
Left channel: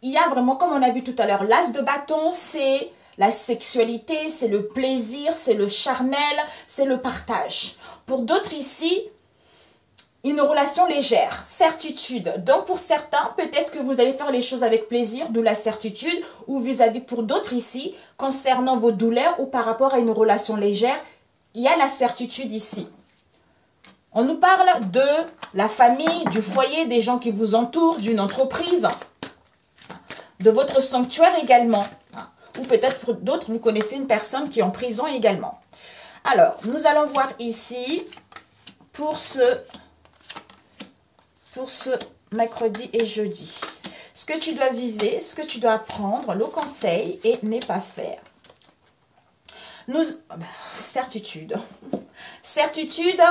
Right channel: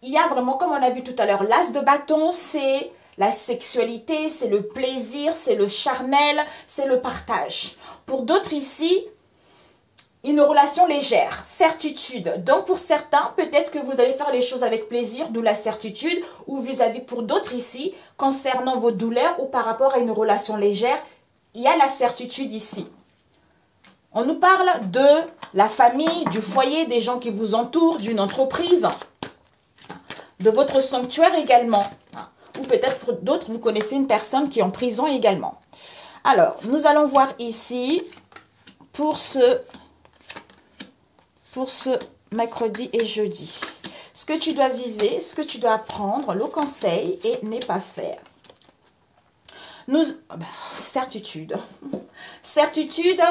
il y a vraiment, comme on a vu tout à l'heure, l'as de bâton, c'est la sexualité, c'est le plaisir, c'est le charnel, c'est le partage. Pour d'autres ici, une relation légère, certitude. Donc, pour certains, peut-être que vous allez faire les choses avec plaisir, d'où la certitude, ou vis-à-vis pour d'autres ici, concernant vos douleurs ou par rapport à une relation légère, il y a la certitude ici. On nous parle de la famille, du foyer, des gens qui vous entourent, d'une entreprise, de votre sanctuaire également. Ou peut-être pour d'autres, vous connaissez une personne qui est en prison également. Alors, nous allons voir ici, pour ce mercredi et jeudi. Ce que tu dois viser, ce que tu dois apprendre, le conseil et ne pas faire. Certitude. Certitude,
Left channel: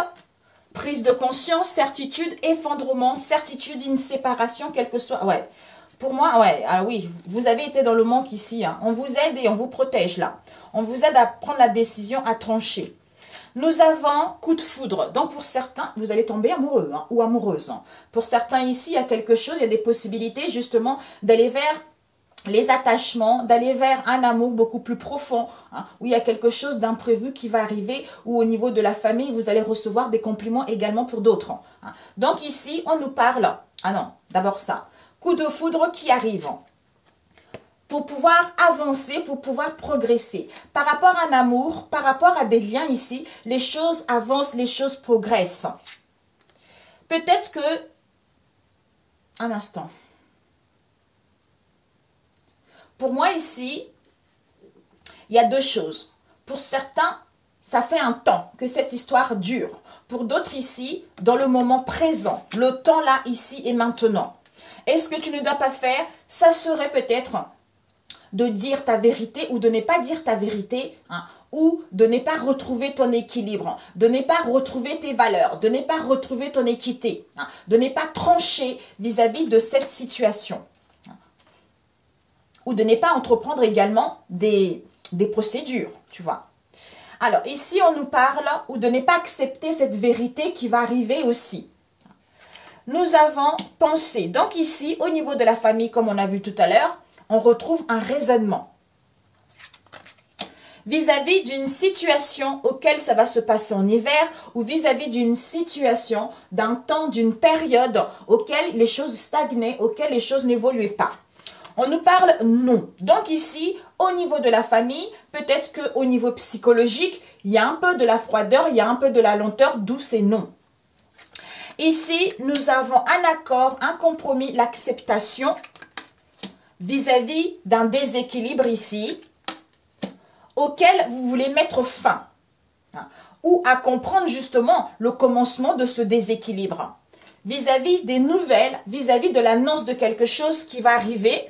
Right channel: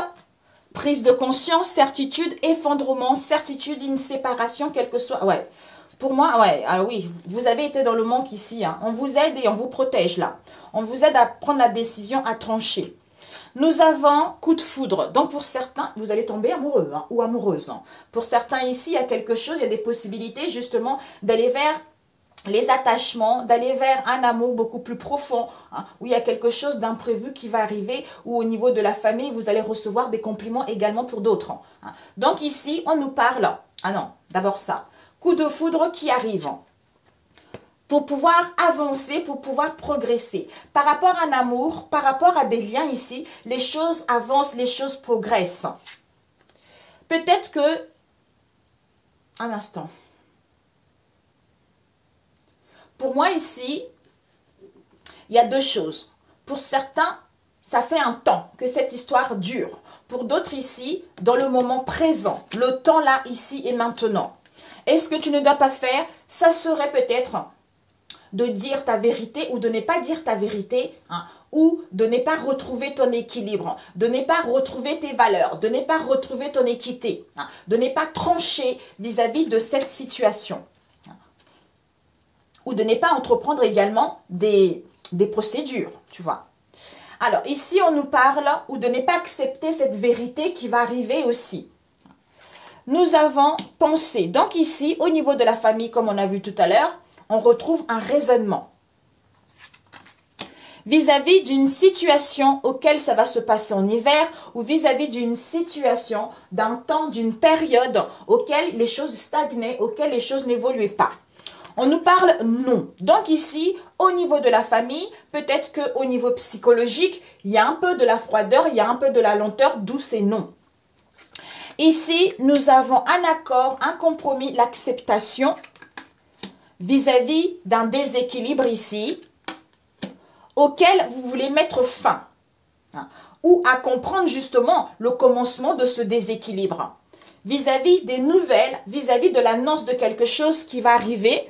prise de conscience, certitude, effondrement, certitude, une séparation, quelle que soit. Ouais. Pour moi, ouais, ah oui, vous avez été dans le manque ici. Hein. On vous aide et on vous protège là. On vous aide à prendre la décision, à trancher. Nous avons coup de foudre. Donc, pour certains, vous allez tomber amoureux ou amoureuse. Pour certains ici, il y a quelque chose, il y a des possibilités justement d'aller vers les attachements, d'aller vers un amour beaucoup plus profond, où il y a quelque chose d'imprévu qui va arriver, ou au niveau de la famille, vous allez recevoir des compliments également pour d'autres. Donc, ici, on nous parle, d'abord ça, coup de foudre qui arrive. Pour pouvoir avancer, pour pouvoir progresser. Par rapport à un amour, par rapport à des liens ici, les choses avancent, les choses progressent. Peut-être que... Un instant. Pour moi ici, il y a deux choses. Pour certains, ça fait un temps que cette histoire dure. Pour d'autres ici, dans le moment présent, le temps là, ici et maintenant. Et ce que tu ne dois pas faire, ça serait peut-être... de dire ta vérité ou de ne pas dire ta vérité, ou de ne pas retrouver ton équilibre, de ne pas retrouver tes valeurs, de ne pas retrouver ton équité, de ne pas trancher vis-à-vis de cette situation, ou de ne pas entreprendre également des procédures, tu vois. Alors, ici, on nous parle, ou de ne pas accepter cette vérité qui va arriver aussi. Nous avons pensé, donc ici, au niveau de la famille, comme on a vu tout à l'heure, on retrouve un raisonnement. vis-à-vis d'une situation auquel ça va se passer en hiver ou vis-à-vis d'une situation, d'un temps, d'une période auquel les choses stagnaient, auquel les choses n'évoluaient pas. On nous parle non. Donc ici, au niveau de la famille, peut-être qu'au niveau psychologique, il y a un peu de la froideur, il y a un peu de la lenteur, d'où ces non. Ici, nous avons un accord, un compromis, l'acceptation vis-à-vis d'un déséquilibre ici, auquel vous voulez mettre fin, ou à comprendre justement le commencement de ce déséquilibre, vis-à-vis des nouvelles, vis-à-vis de l'annonce de quelque chose qui va arriver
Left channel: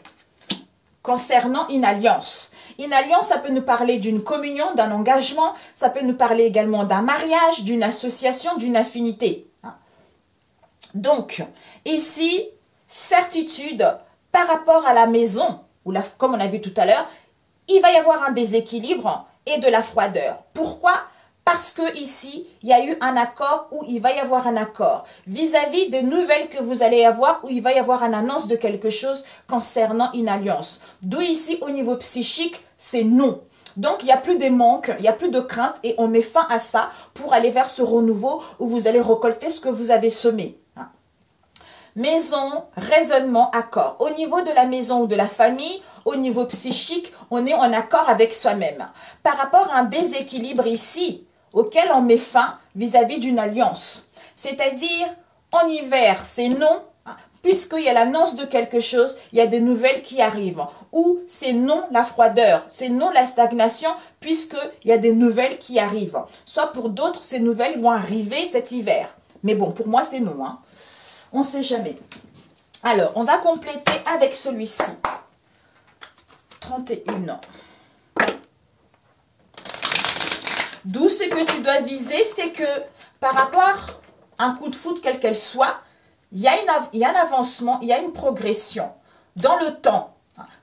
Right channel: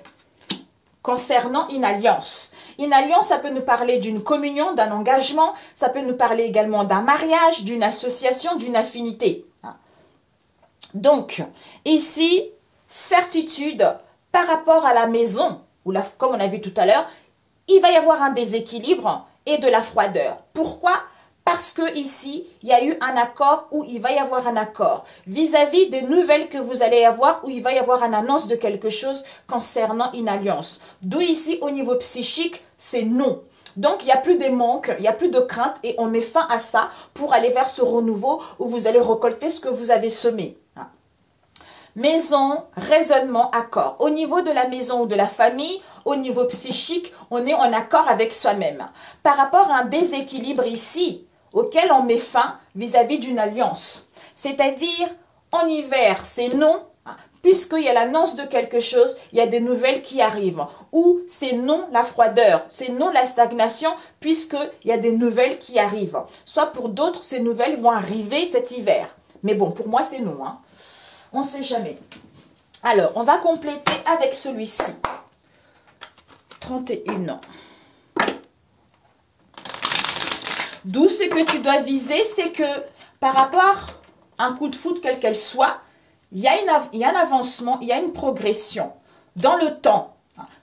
concernant une alliance. Une alliance, ça peut nous parler d'une communion, d'un engagement, ça peut nous parler également d'un mariage, d'une association, d'une affinité. Donc, ici, certitude par rapport à la maison, ou comme on a vu tout à l'heure, il va y avoir un déséquilibre et de la froideur. Pourquoi? Parce que ici, il y a eu un accord ou il va y avoir un accord vis-à-vis des nouvelles que vous allez avoir où il va y avoir une annonce de quelque chose concernant une alliance. D'où ici, au niveau psychique, c'est non. Donc, il n'y a plus de manque, il n'y a plus de crainte et on met fin à ça pour aller vers ce renouveau où vous allez récolter ce que vous avez semé. Maison, raisonnement, accord. Au niveau de la maison ou de la famille, au niveau psychique, on est en accord avec soi-même. Par rapport à un déséquilibre ici, auquel on met fin vis-à-vis d'une alliance. C'est-à-dire, en hiver, c'est non, puisqu'il y a l'annonce de quelque chose, il y a des nouvelles qui arrivent. Ou c'est non la froideur, c'est non la stagnation, puisqu'il y a des nouvelles qui arrivent. Soit pour d'autres, ces nouvelles vont arriver cet hiver. Mais bon, pour moi, c'est non. On ne sait jamais. Alors, on va compléter avec celui-ci. 31 ans. D'où ce que tu dois viser, c'est que par rapport à un coup de foudre, quel qu'elle soit, il y a un avancement, il y a une progression dans le temps.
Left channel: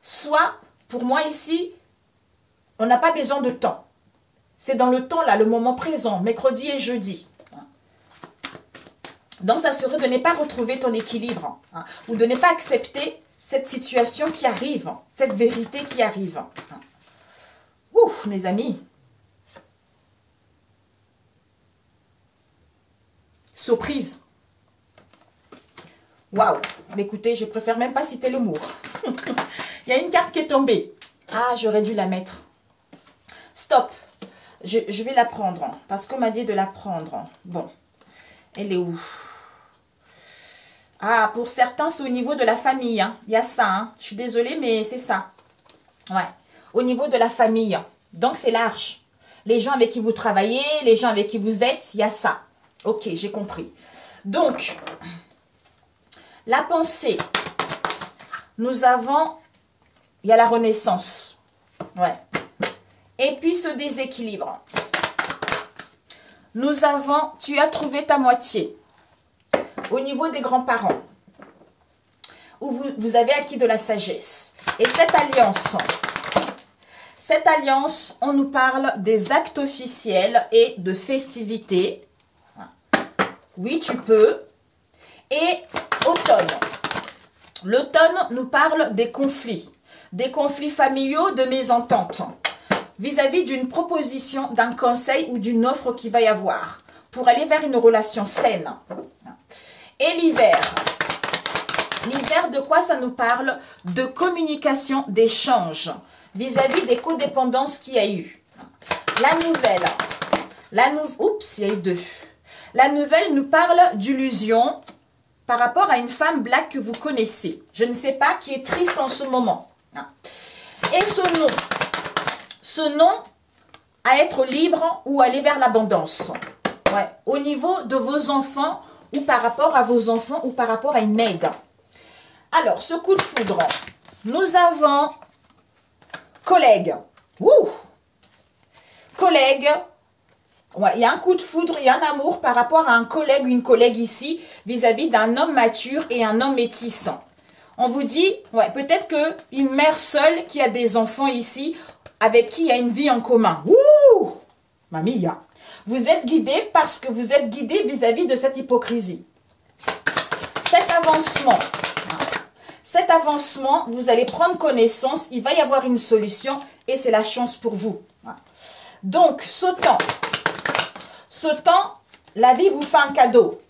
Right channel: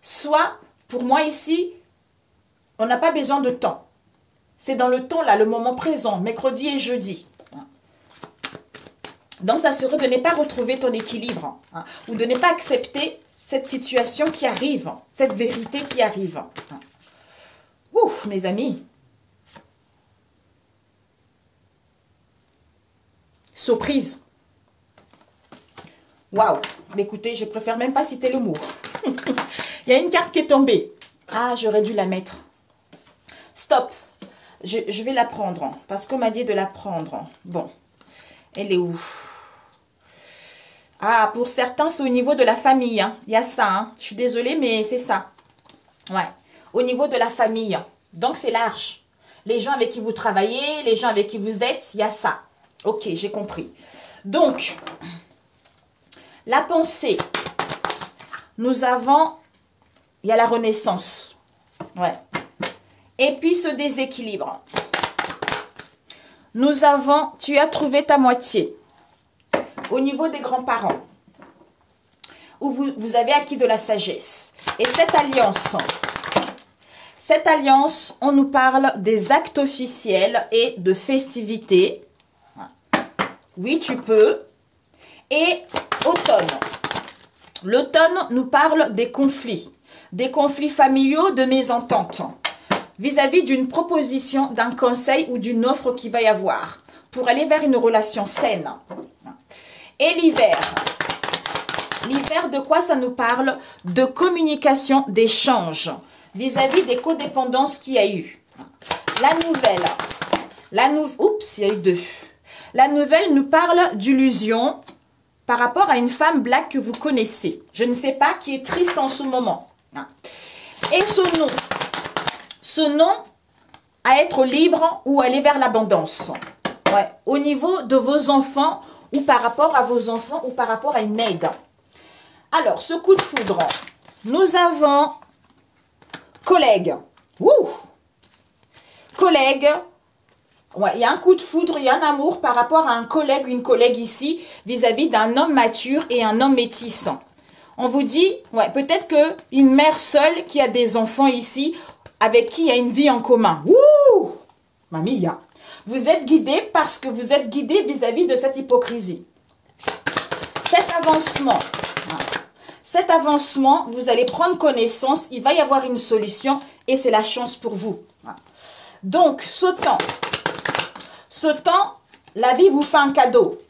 Soit, pour moi ici, on n'a pas besoin de temps. C'est dans le temps, là, le moment présent, mercredi et jeudi. Donc, ça serait de ne pas retrouver ton équilibre ou de ne pas accepter cette situation qui arrive, cette vérité qui arrive. Ouf, mes amis. Surprise. Waouh. Écoutez, je préfère même pas citer le mot. Il y a une carte qui est tombée. Ah, j'aurais dû la mettre. Stop. Je vais la prendre parce qu'on m'a dit de la prendre. Bon. Elle est où? Ah, pour certains, c'est au niveau de la famille. Il y a ça. Je suis désolée, mais c'est ça. Ouais. Au niveau de la famille. Donc, c'est large. Les gens avec qui vous travaillez, les gens avec qui vous êtes, il y a ça. Ok, j'ai compris. Donc, la pensée. Nous avons, il y a la renaissance. Ouais. Et puis, ce déséquilibre. Nous avons, tu as trouvé ta moitié. Au niveau des grands-parents, où vous avez acquis de la sagesse. Et cette alliance, on nous parle des actes officiels et de festivités. Oui, tu peux. Et automne. L'automne nous parle des conflits familiaux, de mésententes, vis-à-vis d'une proposition, d'un conseil ou d'une offre qu'il va y avoir pour aller vers une relation saine. Et l'hiver. L'hiver, de quoi ça nous parle? De communication, d'échange, vis-à-vis des codépendances qu'il y a eu. La nouvelle. Oups, il y a eu deux. La nouvelle nous parle d'illusion par rapport à une femme black que vous connaissez. Je ne sais pas, qui est triste en ce moment. Et ce nom à être libre ou aller vers l'abondance. Ouais. Au niveau de vos enfants, ou par rapport à vos enfants, ou par rapport à une aide. Alors, ce coup de foudre, nous avons collègue. Ouh! Collègue. Ouais, il y a un coup de foudre, il y a un amour par rapport à un collègue ou une collègue ici, vis-à-vis d'un homme mature et un homme métis. On vous dit, ouais, peut-être qu'une mère seule qui a des enfants ici, avec qui il y a une vie en commun. Ouh! Mamia. Vous êtes guidé parce que vous êtes guidé vis-à-vis de cette hypocrisie. Cet avancement, vous allez prendre connaissance, il va y avoir une solution et c'est la chance pour vous. Donc, sautant, la vie vous fait un cadeau.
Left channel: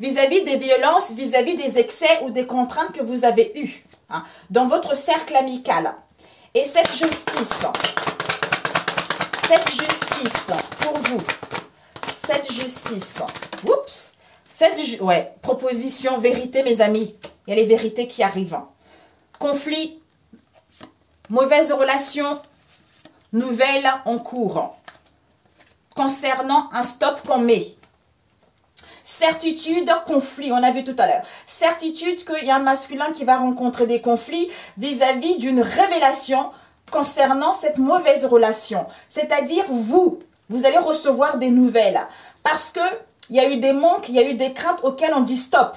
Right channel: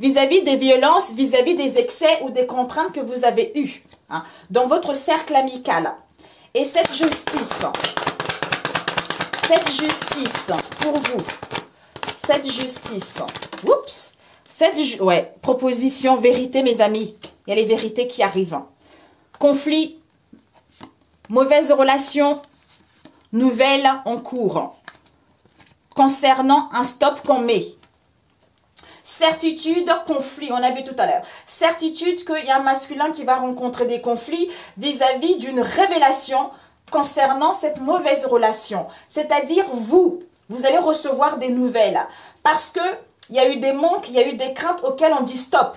Vis-à-vis des violences, vis-à-vis des excès ou des contraintes que vous avez eues hein, dans votre cercle amical. Et cette justice pour vous, cette justice, oups, proposition, vérité mes amis, il y a les vérités qui arrivent. Conflit, mauvaise relation, nouvelle en cours. Concernant un stop qu'on met. Certitude, conflit, on a vu tout à l'heure. Certitude qu'il y a un masculin qui va rencontrer des conflits vis-à-vis d'une révélation concernant cette mauvaise relation. C'est-à-dire vous allez recevoir des nouvelles. Parce que il y a eu des manques, il y a eu des craintes auxquelles on dit stop.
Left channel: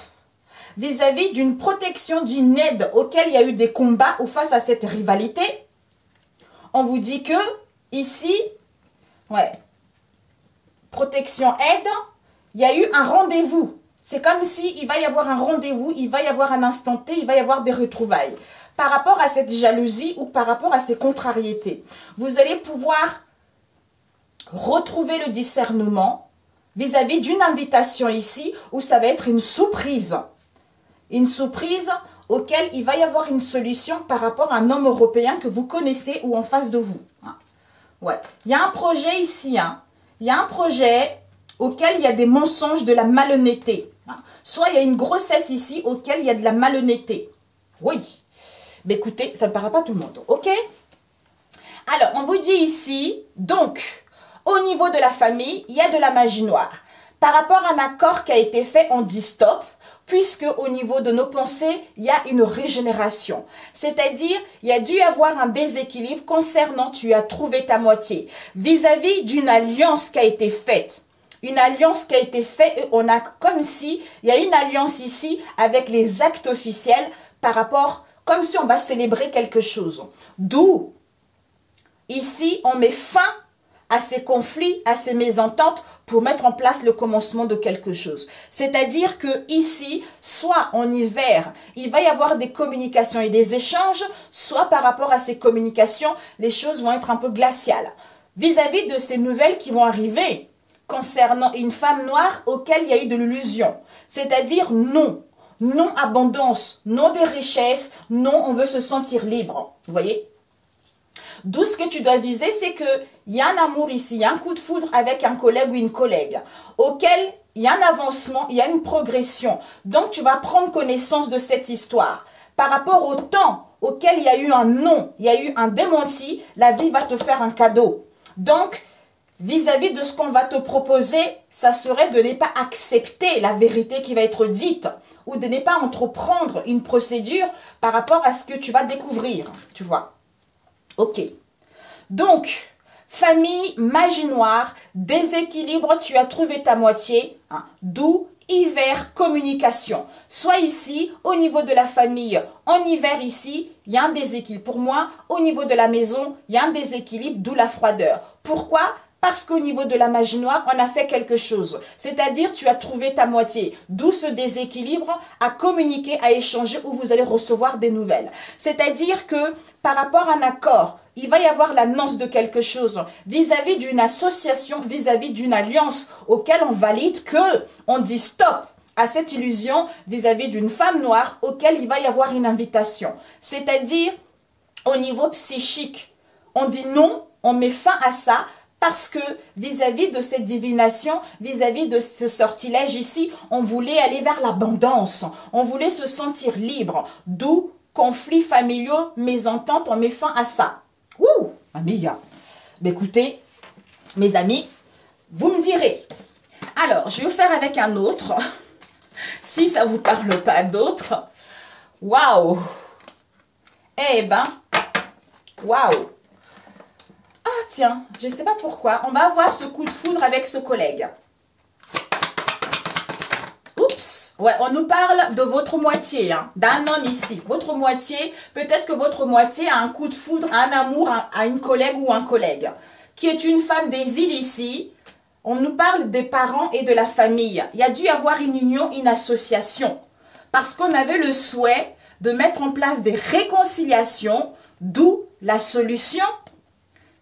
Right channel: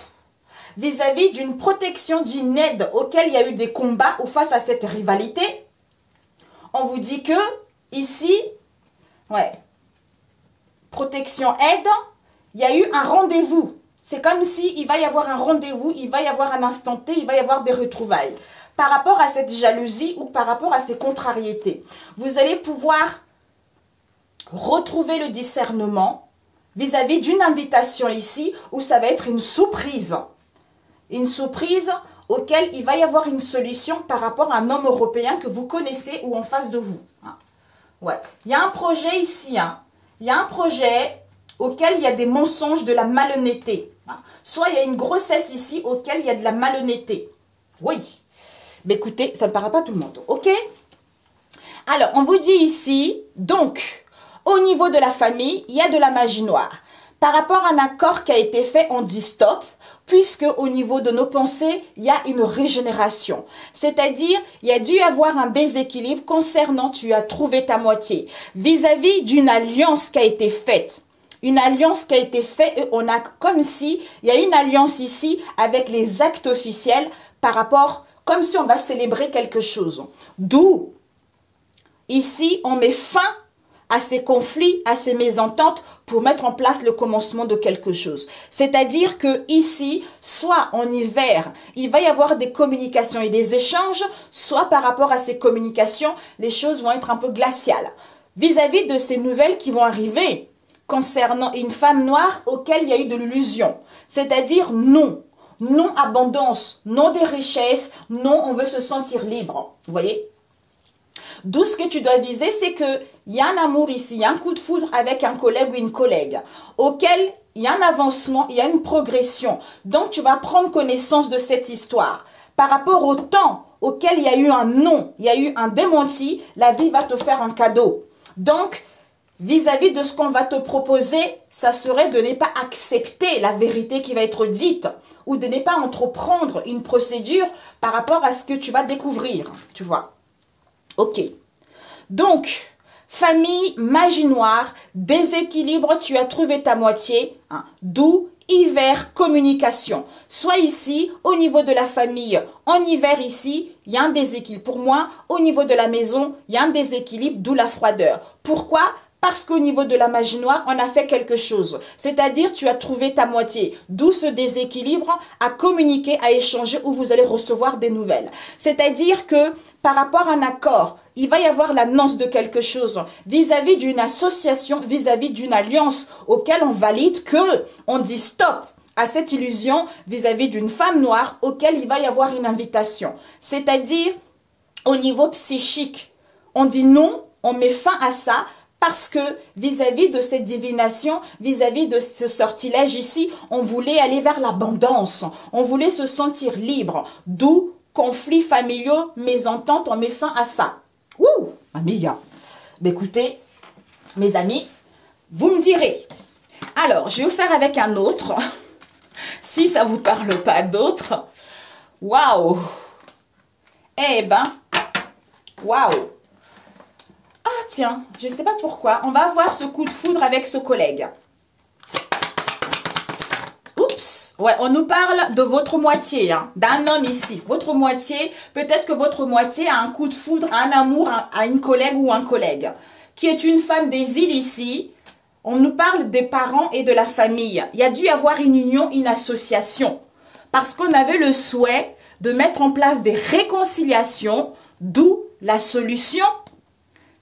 Vis-à-vis d'une protection, d'une aide auquel il y a eu des combats ou face à cette rivalité, on vous dit que ici, protection, aide, il y a eu un rendez-vous. C'est comme si il va y avoir un rendez-vous, il va y avoir un instant T, il va y avoir des retrouvailles. Par rapport à cette jalousie ou par rapport à ces contrariétés, vous allez pouvoir retrouver le discernement vis-à-vis d'une invitation ici où ça va être une surprise. Une surprise auquel il va y avoir une solution par rapport à un homme européen que vous connaissez ou en face de vous. Il y a un projet ici, il y a un projet auquel il y a des mensonges, de la malhonnêteté. Soit il y a une grossesse ici auquel il y a de la malhonnêteté. Oui. Mais écoutez, ça ne parle pas à tout le monde. Ok? Alors, on vous dit ici, donc, au niveau de la famille, il y a de la magie noire. Par rapport à un accord qui a été fait, on dit stop, puisque au niveau de nos pensées, il y a une régénération. C'est-à-dire, il y a dû y avoir un déséquilibre concernant tu as trouvé ta moitié. Vis-à-vis d'une alliance qui a été faite. Une alliance qui a été faite et on a comme si, il y a une alliance ici avec les actes officiels par rapport, comme si on va célébrer quelque chose. D'où, ici, on met fin à ces conflits, à ces mésententes pour mettre en place le commencement de quelque chose. C'est-à-dire que ici, soit en hiver, il va y avoir des communications et des échanges, soit par rapport à ces communications, les choses vont être un peu glaciales. Vis-à-vis de ces nouvelles qui vont arriver, concernant une femme noire auquel il y a eu de l'illusion. C'est-à-dire non. Non abondance, non des richesses, non on veut se sentir libre. Vous voyez? D'où ce que tu dois viser, c'est qu'il y a un amour ici, il y a un coup de foudre avec un collègue ou une collègue, auquel il y a un avancement, il y a une progression. Donc tu vas prendre connaissance de cette histoire. Par rapport au temps auquel il y a eu un non, il y a eu un démenti, la vie va te faire un cadeau. Donc, vis-à-vis de ce qu'on va te proposer, ça serait de ne pas accepter la vérité qui va être dite ou de ne pas entreprendre une procédure par rapport à ce que tu vas découvrir, tu vois. Ok. Donc, famille, magie noire, déséquilibre, tu as trouvé ta moitié, d'où hiver, communication. Soit ici, au niveau de la famille, en hiver ici, il y a un déséquilibre. Pour moi, au niveau de la maison, il y a un déséquilibre, d'où la froideur. Pourquoi ? Parce qu'au niveau de la magie noire, on a fait quelque chose. C'est-à-dire, tu as trouvé ta moitié. D'où ce déséquilibre à communiquer, à échanger, où vous allez recevoir des nouvelles. C'est-à-dire que, par rapport à un accord, il va y avoir l'annonce de quelque chose vis-à-vis d'une association, vis-à-vis d'une alliance auquel on valide que on dit stop à cette illusion vis-à-vis d'une femme noire auquel il va y avoir une invitation. C'est-à-dire, au niveau psychique, on dit non, on met fin à ça. Parce que vis-à-vis de cette divination, vis-à-vis de ce sortilège ici, on voulait aller vers l'abondance. On voulait se sentir libre. D'où conflits familiaux, mésententes, on met fin à ça. Ouh, Amia. Mais écoutez, mes amis, vous me direz. Alors, je vais vous faire avec un autre. Si ça ne vous parle pas d'autre. Waouh. Eh ben, waouh. Ah tiens, je ne sais pas pourquoi. On va avoir ce coup de foudre avec ce collègue. Oups. Ouais, on nous parle de votre moitié, d'un homme ici. Votre moitié, peut-être que votre moitié a un coup de foudre, un amour à une collègue ou un collègue. Qui est une femme des îles ici. On nous parle des parents et de la famille. Il y a dû y avoir une union, une association. Parce qu'on avait le souhait de mettre en place des réconciliations, d'où la solution.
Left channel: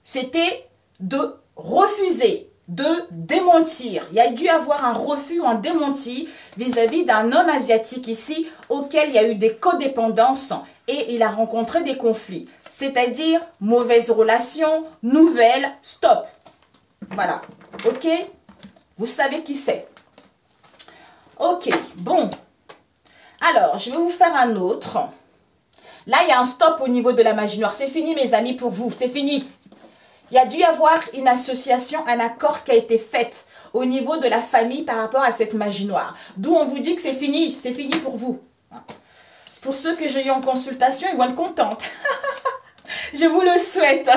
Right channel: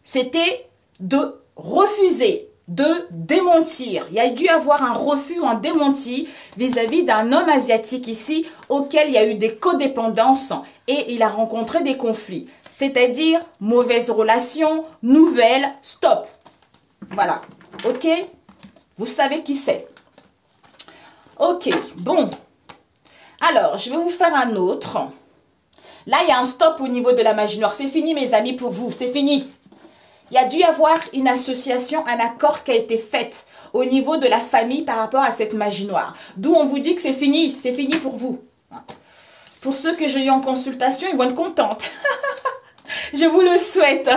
C'était de refuser, de démentir. Il y a dû avoir un refus ou un démenti vis-à-vis d'un homme asiatique ici auquel il y a eu des codépendances et il a rencontré des conflits. C'est-à-dire mauvaise relation, nouvelle, stop. Voilà, ok? Vous savez qui c'est. Ok, bon. Alors, je vais vous faire un autre. Là, il y a un stop au niveau de la magie noire. C'est fini, mes amis, pour vous. C'est fini. Il y a dû y avoir une association, un accord qui a été fait au niveau de la famille par rapport à cette magie noire. D'où on vous dit que c'est fini pour vous. Pour ceux que j'ai eu en consultation, ils vont être contents. Je vous le souhaite.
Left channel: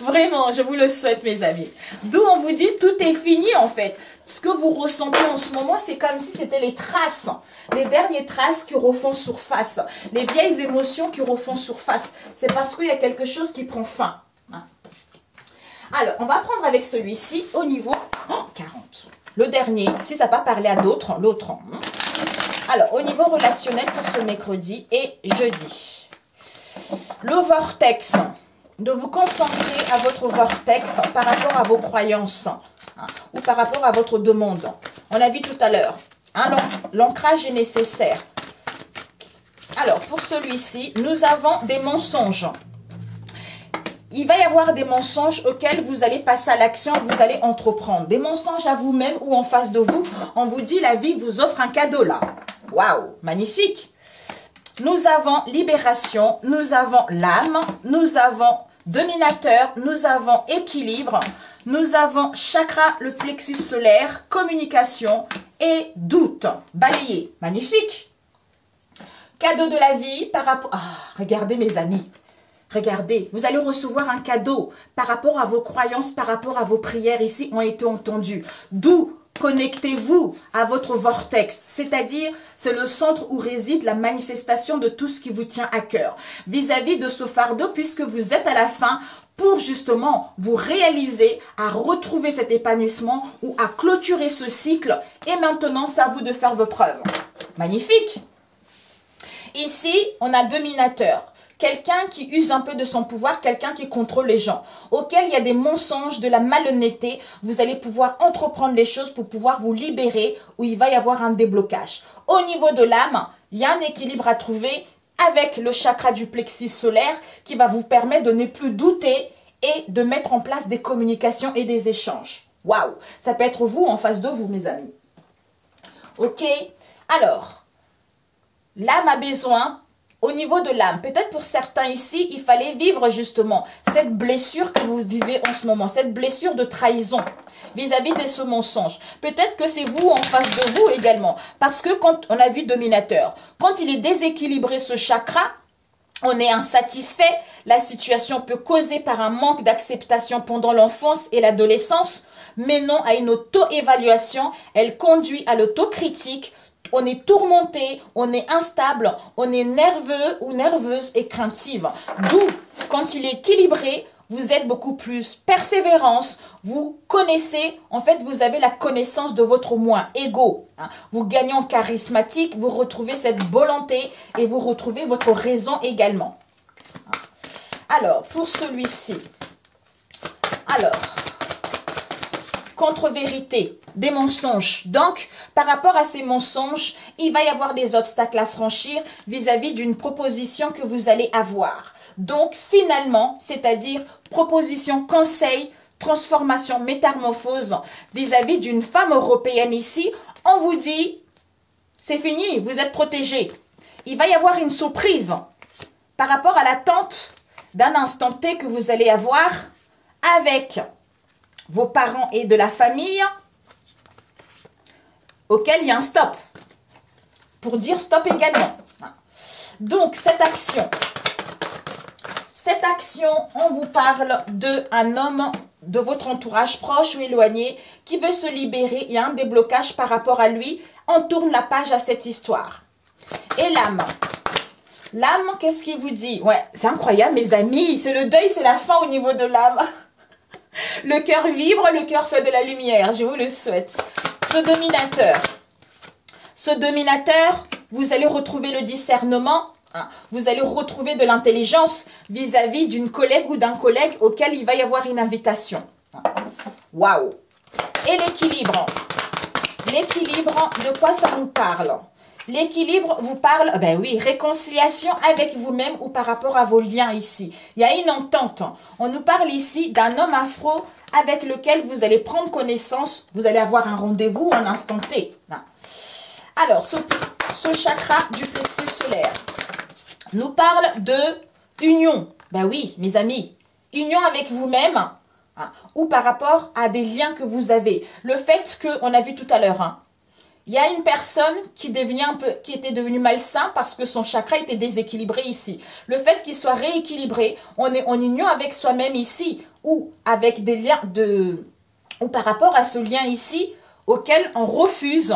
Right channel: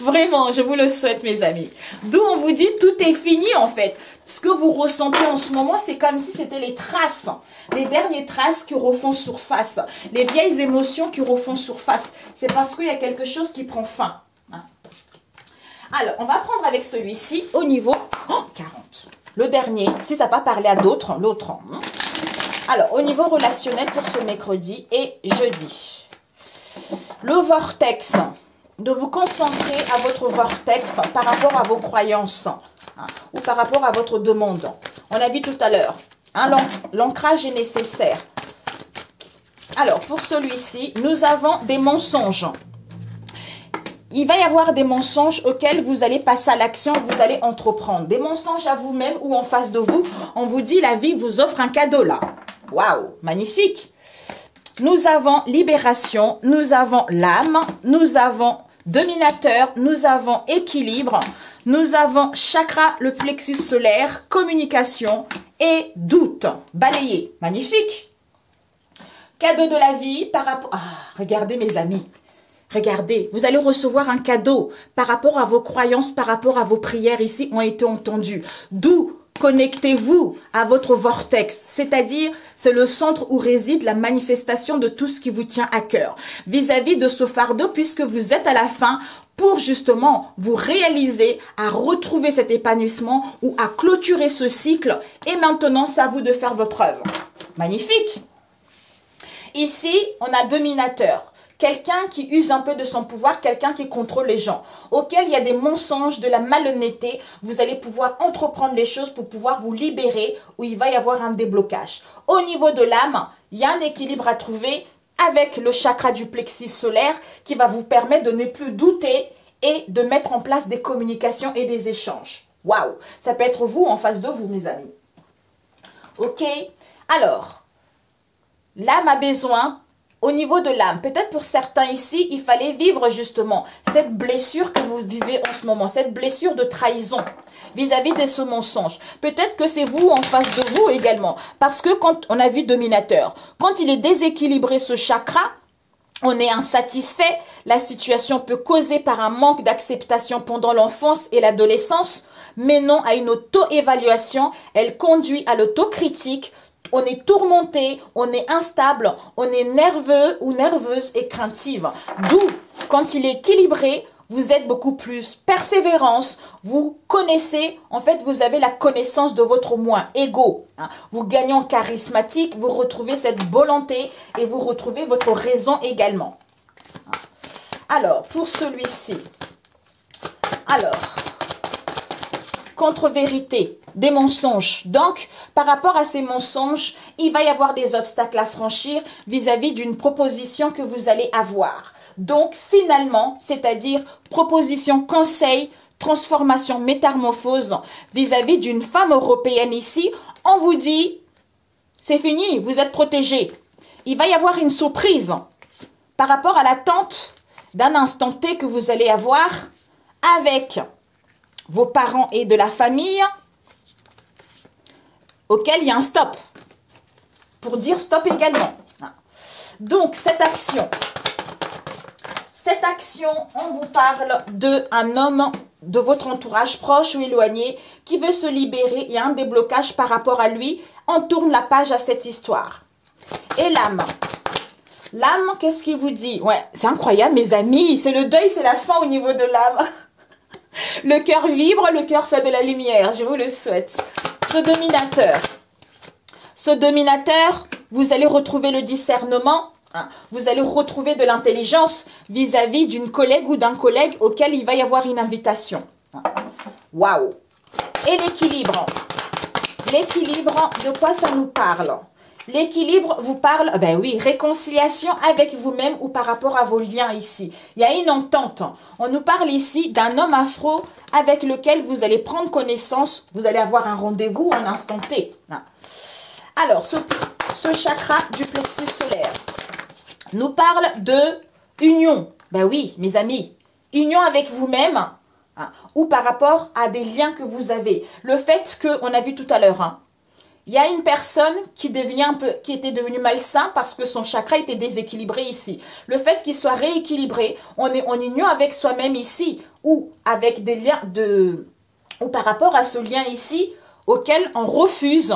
Vraiment, je vous le souhaite, mes amis. D'où on vous dit tout est fini en fait. Ce que vous ressentez en ce moment, c'est comme si c'était les traces. Les dernières traces qui refont surface. Les vieilles émotions qui refont surface. C'est parce qu'il y a quelque chose qui prend fin. Alors, on va prendre avec celui-ci au niveau 40. Le dernier, si ça n'a pas parlé à d'autres, l'autre. Alors, au niveau relationnel pour ce mercredi et jeudi. Le vortex. De vous concentrer à votre vortex par rapport à vos croyances ou par rapport à votre demande. On a vu tout à l'heure, l'ancrage est nécessaire. Alors, pour celui-ci, nous avons des mensonges. Il va y avoir des mensonges auxquels vous allez passer à l'action, vous allez entreprendre. Des mensonges à vous-même ou en face de vous. On vous dit, la vie vous offre un cadeau là. Waouh, magnifique. Nous avons libération, nous avons l'âme, nous avons dominateur, nous avons équilibre, nous avons chakra, le plexus solaire, communication et doute. Balayé, magnifique. Cadeau de la vie par rapport... Ah, regardez mes amis. Regardez, vous allez recevoir un cadeau par rapport à vos croyances, par rapport à vos prières ici ont été entendues. D'où connectez-vous à votre vortex, c'est-à-dire c'est le centre où réside la manifestation de tout ce qui vous tient à cœur. Vis-à-vis de ce fardeau, puisque vous êtes à la fin pour justement vous réaliser à retrouver cet épanouissement ou à clôturer ce cycle. Et maintenant, c'est à vous de faire vos preuves. Magnifique. Ici, on a dominateur. Quelqu'un qui use un peu de son pouvoir, quelqu'un qui contrôle les gens, auquel il y a des mensonges, de la malhonnêteté, vous allez pouvoir entreprendre les choses pour pouvoir vous libérer, où il va y avoir un déblocage. Au niveau de l'âme, il y a un équilibre à trouver avec le chakra du plexus solaire qui va vous permettre de ne plus douter et de mettre en place des communications et des échanges. Waouh! Ça peut être vous en face de vous, mes amis. Ok? Alors, l'âme a besoin... Au niveau de l'âme, peut-être pour certains ici, il fallait vivre justement cette blessure que vous vivez en ce moment, cette blessure de trahison vis-à-vis de ce mensonge. Peut-être que c'est vous en face de vous également, parce que quand on a vu dominateur, quand il est déséquilibré ce chakra, on est insatisfait, la situation peut causer par un manque d'acceptation pendant l'enfance et l'adolescence, menant à une auto-évaluation, elle conduit à l'autocritique. On est tourmenté, on est instable, on est nerveux ou nerveuse et craintive. D'où, quand il est équilibré, vous êtes beaucoup plus persévérance, vous connaissez, en fait, vous avez la connaissance de votre moi, ego. Vous gagnez en charismatique, vous retrouvez cette volonté et vous retrouvez votre raison également. Alors, pour celui-ci, contre-vérité, des mensonges. Donc, par rapport à ces mensonges, il va y avoir des obstacles à franchir vis-à-vis d'une proposition que vous allez avoir. Donc, finalement, c'est-à-dire proposition, conseil, transformation, métamorphose vis-à-vis d'une femme européenne ici, on vous dit, c'est fini, vous êtes protégé. Il va y avoir une surprise par rapport à l'attente d'un instant T que vous allez avoir avec vos parents et de la famille, auquel il y a un stop, pour dire stop également. Donc, cette action, on vous parle d'un homme de votre entourage proche ou éloigné qui veut se libérer, il y a un déblocage par rapport à lui, on tourne la page à cette histoire. Et l'âme. L'âme, qu'est-ce qu'il vous dit? Ouais, c'est incroyable, mes amis, c'est le deuil, c'est la fin au niveau de l'âme. Le cœur vibre, le cœur fait de la lumière, je vous le souhaite. Ce dominateur, vous allez retrouver le discernement Hein. Vous allez retrouver de l'intelligence vis-à-vis d'une collègue ou d'un collègue auquel il va y avoir une invitation. Waouh! Et l'équilibre. L'équilibre, de quoi ça nous parle? L'équilibre vous parle, ben oui, réconciliation avec vous-même ou par rapport à vos liens ici. Il y a une entente. On nous parle ici d'un homme afro avec lequel vous allez prendre connaissance. Vous allez avoir un rendez-vous en instant T. Alors, ce chakra du plexus solaire nous parle de union. Ben oui, mes amis, union avec vous-même ou par rapport à des liens que vous avez. Le fait qu'on a vu tout à l'heure, il y a une personne qui était devenue malsain parce que son chakra était déséquilibré ici. Le fait qu'il soit rééquilibré, on est en union avec soi-même ici ou avec des liens ou par rapport à ce lien ici auquel on refuse.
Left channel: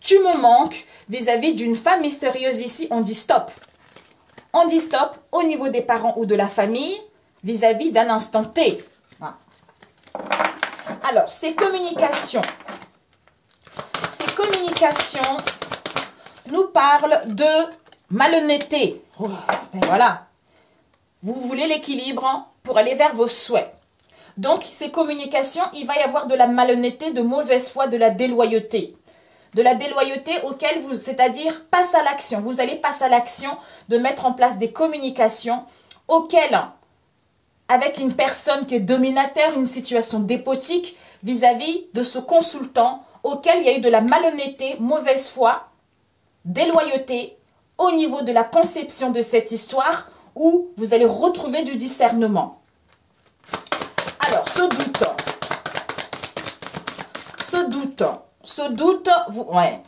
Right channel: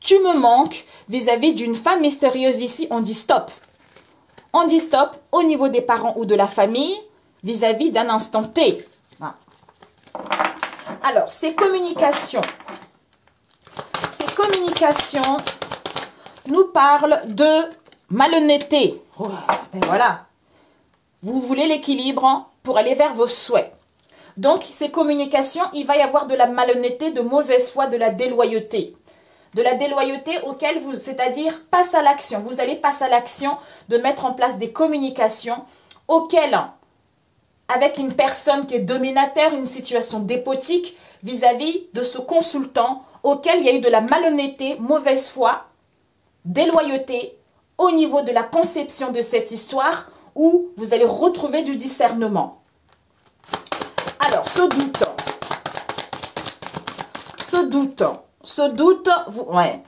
Tu me manques vis-à-vis d'une femme mystérieuse ici, on dit stop. On dit stop au niveau des parents ou de la famille vis-à-vis d'un instant T. Alors, ces communications nous parlent de malhonnêteté. Ben voilà. Vous voulez l'équilibre pour aller vers vos souhaits. Donc, ces communications, il va y avoir de la malhonnêteté, de mauvaise foi, de la déloyauté. De la déloyauté auquel c'est-à-dire passe à l'action. Vous allez passer à l'action de mettre en place des communications auxquelles, avec une personne qui est dominateur, une situation dépotique vis-à-vis de ce consultant auquel il y a eu de la malhonnêteté, mauvaise foi, déloyauté au niveau de la conception de cette histoire où vous allez retrouver du discernement. Alors, ce doute, ouais.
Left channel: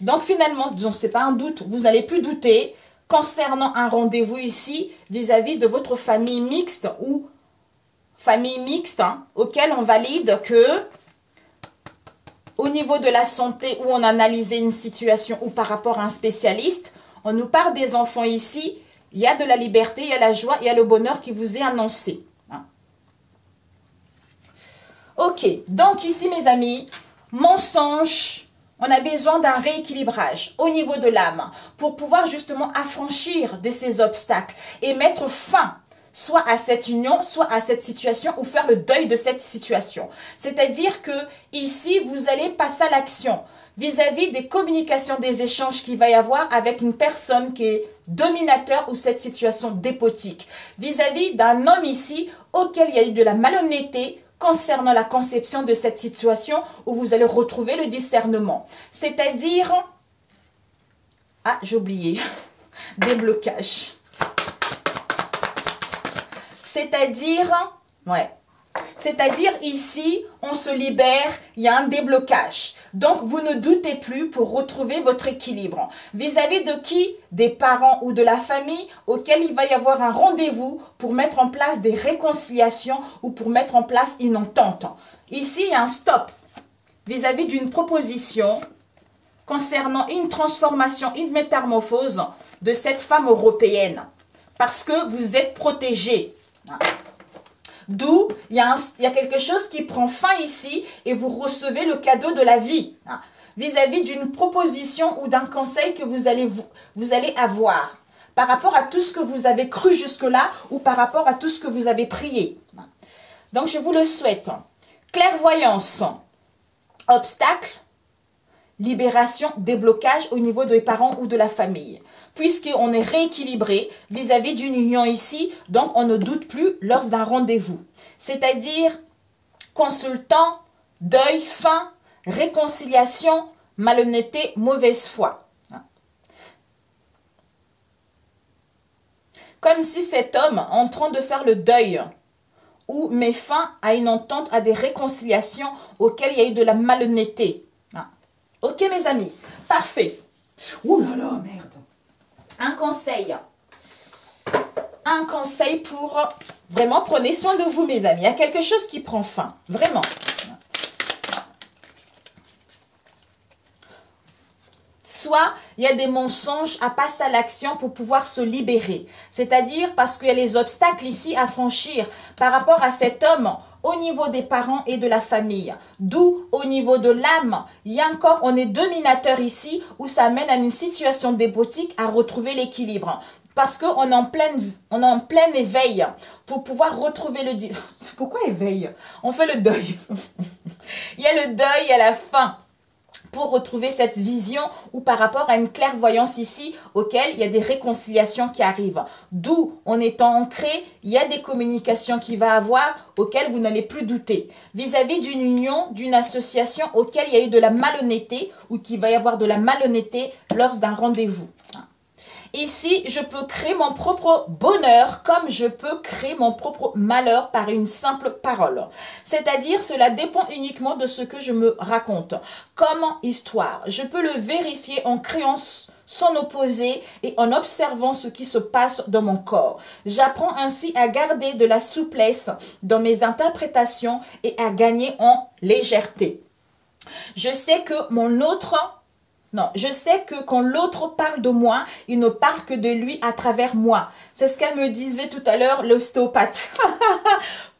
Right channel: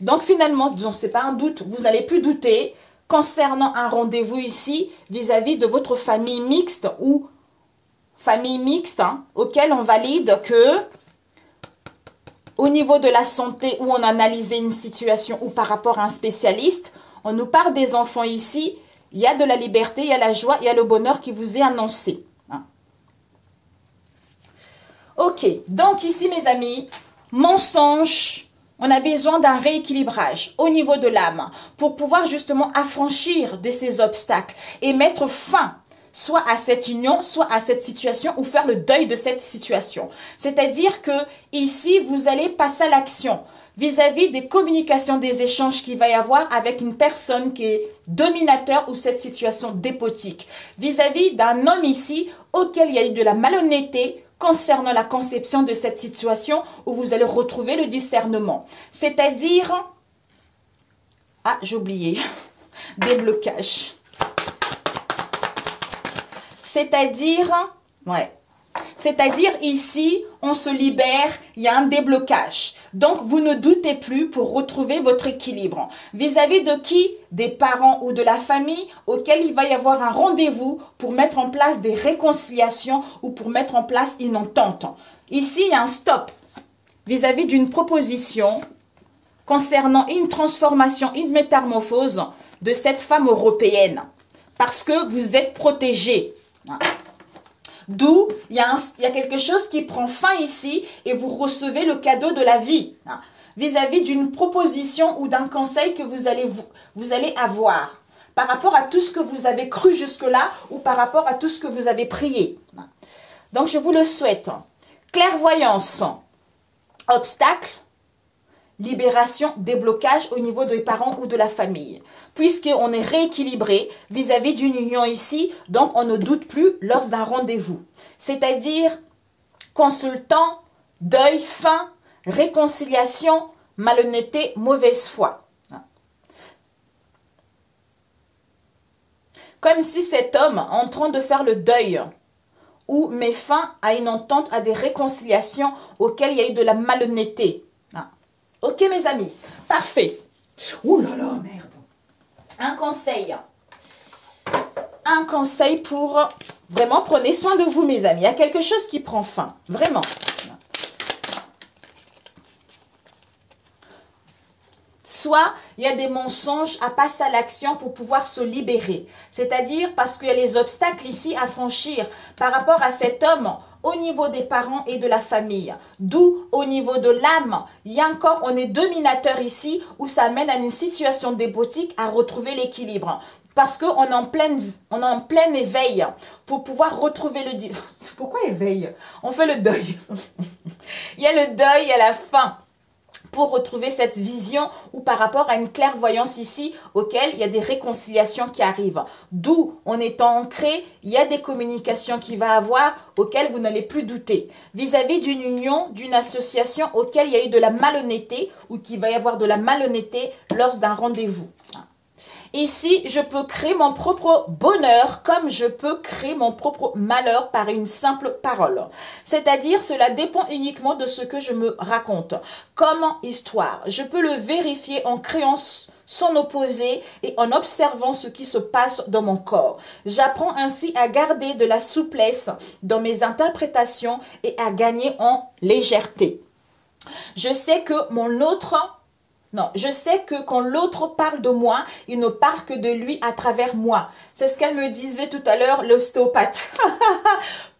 Donc finalement, ce n'est pas un doute, vous n'allez plus douter concernant un rendez-vous ici vis-à-vis de votre famille mixte ou famille mixte auquel on valide que au niveau de la santé où on a analysé une situation ou par rapport à un spécialiste, on nous parle des enfants ici, il y a de la liberté, il y a la joie, il y a le bonheur qui vous est annoncé. Ok, donc ici mes amis, mensonge, on a besoin d'un rééquilibrage au niveau de l'âme pour pouvoir justement affranchir de ces obstacles et mettre fin soit à cette union, soit à cette situation ou faire le deuil de cette situation. C'est-à-dire que ici, vous allez passer à l'action vis-à-vis des communications, des échanges qu'il va y avoir avec une personne qui est dominateur ou cette situation dépotique. Vis-à-vis d'un homme ici auquel il y a eu de la malhonnêteté concernant la conception de cette situation où vous allez retrouver le discernement. C'est-à-dire, ah j'ai oublié, déblocage. C'est-à-dire, ici, on se libère, il y a un déblocage. Donc, vous ne doutez plus pour retrouver votre équilibre. Vis-à-vis de qui? Des parents ou de la famille auquel il va y avoir un rendez-vous pour mettre en place des réconciliations ou pour mettre en place une entente. Ici, il y a un stop vis-à-vis d'une proposition concernant une transformation, une métamorphose de cette femme européenne. Parce que vous êtes protégés. D'où il y a quelque chose qui prend fin ici et vous recevez le cadeau de la vie vis-à-vis d'une proposition ou d'un conseil que vous allez avoir par rapport à tout ce que vous avez cru jusque-là ou par rapport à tout ce que vous avez prié. Donc je vous le souhaite. Clairvoyance, obstacle, libération, déblocage au niveau des parents ou de la famille. Puisqu'on est rééquilibré vis-à-vis d'une union ici, donc on ne doute plus lors d'un rendez-vous. C'est-à-dire consultant, deuil, fin, réconciliation, malhonnêteté, mauvaise foi. Comme si cet homme, en train de faire le deuil, ou met fin à une entente, à des réconciliations auxquelles il y a eu de la malhonnêteté. Ok mes amis, parfait. Ouh là là, merde. Un conseil pour vraiment prenez soin de vous mes amis. Il y a quelque chose qui prend fin, vraiment. Soit il y a des mensonges à passer à l'action pour pouvoir se libérer. C'est-à-dire parce qu'il y a les obstacles ici à franchir par rapport à cet homme au niveau des parents et de la famille. D'où au niveau de l'âme, il y a encore, on est dominateur ici où ça amène à une situation dépotique à retrouver l'équilibre. parce qu'on est en plein éveil pour pouvoir retrouver le... Pourquoi éveil? On fait le deuil. Il y a le deuil à la fin pour retrouver cette vision ou par rapport à une clairvoyance ici auquel il y a des réconciliations qui arrivent. D'où, en étant ancré, il y a des communications qu'il va avoir auxquelles vous n'allez plus douter. Vis-à-vis d'une union, d'une association auquel il y a eu de la malhonnêteté ou qu'il va y avoir de la malhonnêteté lors d'un rendez-vous. Ici, je peux créer mon propre bonheur comme je peux créer mon propre malheur par une simple parole. C'est-à-dire, cela dépend uniquement de ce que je me raconte. Comme histoire, je peux le vérifier en créant son opposé et en observant ce qui se passe dans mon corps. J'apprends ainsi à garder de la souplesse dans mes interprétations et à gagner en légèreté. Je sais que je sais que quand l'autre parle de moi, il ne parle que de lui à travers moi. C'est ce qu'elle me disait tout à l'heure, l'ostéopathe.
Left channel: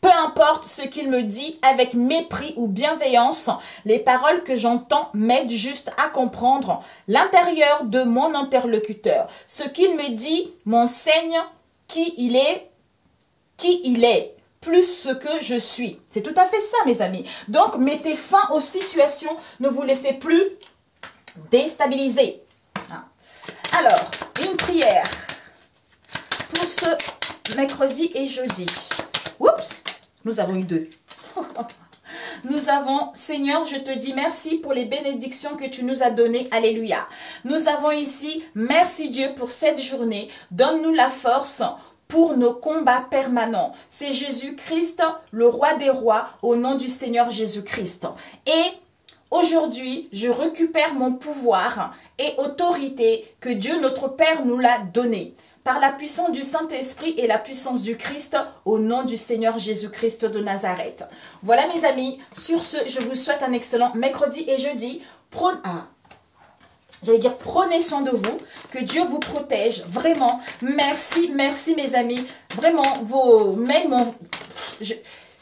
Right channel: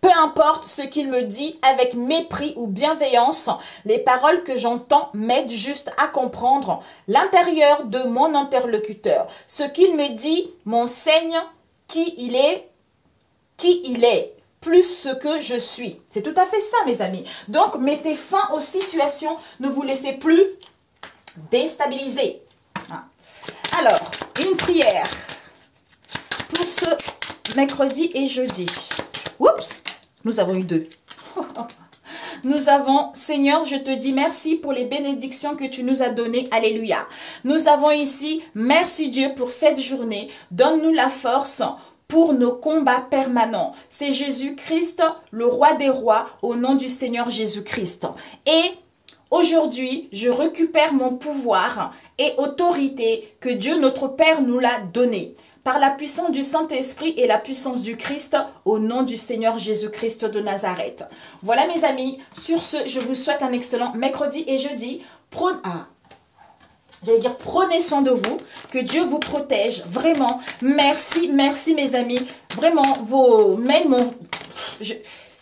Peu importe ce qu'il me dit, avec mépris ou bienveillance, les paroles que j'entends m'aident juste à comprendre l'intérieur de mon interlocuteur. Ce qu'il me dit m'enseigne qui il est. Plus ce que je suis. C'est tout à fait ça, mes amis. Donc, mettez fin aux situations. Ne vous laissez plus déstabiliser. Alors, une prière pour ce mercredi et jeudi. Oups, nous avons eu deux. Nous avons, Seigneur, je te dis merci pour les bénédictions que tu nous as données. Alléluia. Nous avons ici, merci Dieu pour cette journée. Donne-nous la force pour nos combats permanents. C'est Jésus-Christ, le roi des rois, au nom du Seigneur Jésus-Christ. Et aujourd'hui, je récupère mon pouvoir et autorité que Dieu notre Père nous l'a donné. Par la puissance du Saint-Esprit et la puissance du Christ, au nom du Seigneur Jésus-Christ de Nazareth. Voilà mes amis, sur ce, je vous souhaite un excellent mercredi et jeudi. Prenez soin de vous, que Dieu vous protège, vraiment. Merci, merci mes amis. Vraiment, vos mails m'ont...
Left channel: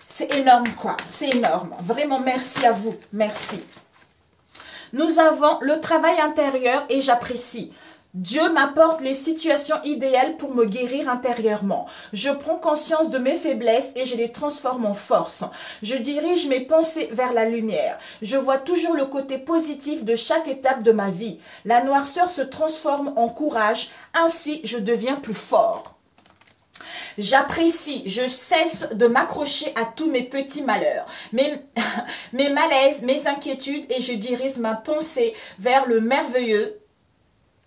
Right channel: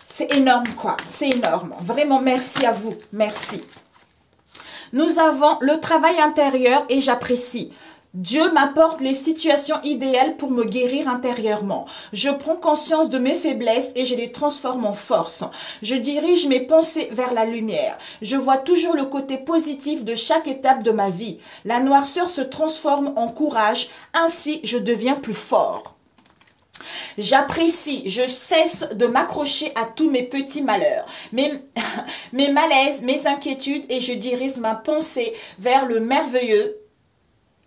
C'est énorme quoi, c'est énorme. Vraiment, merci à vous, merci. Nous avons le travail intérieur et j'apprécie. Dieu m'apporte les situations idéales pour me guérir intérieurement. Je prends conscience de mes faiblesses et je les transforme en force. Je dirige mes pensées vers la lumière. Je vois toujours le côté positif de chaque étape de ma vie. La noirceur se transforme en courage, ainsi je deviens plus fort. J'apprécie, je cesse de m'accrocher à tous mes petits malheurs, mes malaises, mes inquiétudes et je dirige ma pensée vers le merveilleux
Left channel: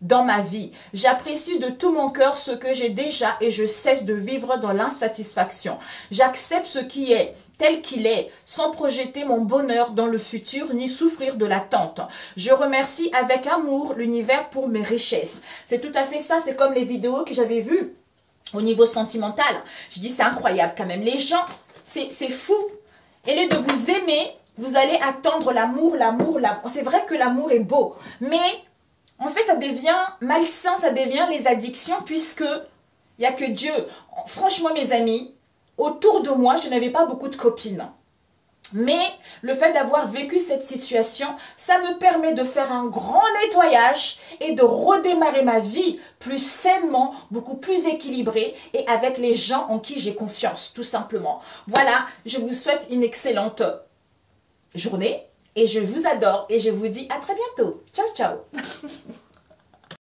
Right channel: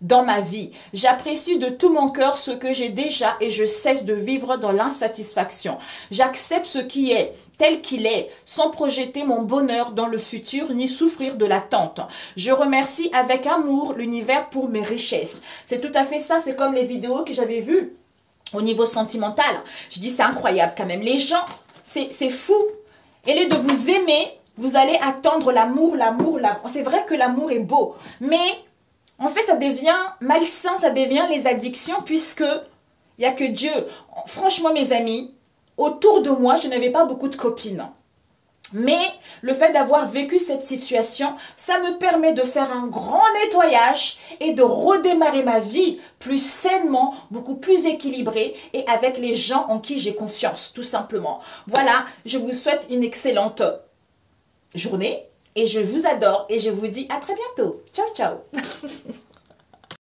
dans ma vie. J'apprécie de tout mon cœur ce que j'ai déjà et je cesse de vivre dans l'insatisfaction. J'accepte ce qui est, tel qu'il est, sans projeter mon bonheur dans le futur ni souffrir de l'attente. Je remercie avec amour l'univers pour mes richesses. C'est tout à fait ça, c'est comme les vidéos que j'avais vues au niveau sentimental. Je dis c'est incroyable quand même. Les gens, c'est fou. Et lieu de vous aimer, vous allez attendre l'amour, l'amour. C'est vrai que l'amour est beau, mais en fait, ça devient malsain, ça devient les addictions puisque il n'y a que Dieu. Franchement, mes amis, autour de moi, je n'avais pas beaucoup de copines. Mais le fait d'avoir vécu cette situation, ça me permet de faire un grand nettoyage et de redémarrer ma vie plus sainement, beaucoup plus équilibrée et avec les gens en qui j'ai confiance, tout simplement. Voilà, je vous souhaite une excellente journée. Et je vous adore et je vous dis à très bientôt. Ciao, ciao.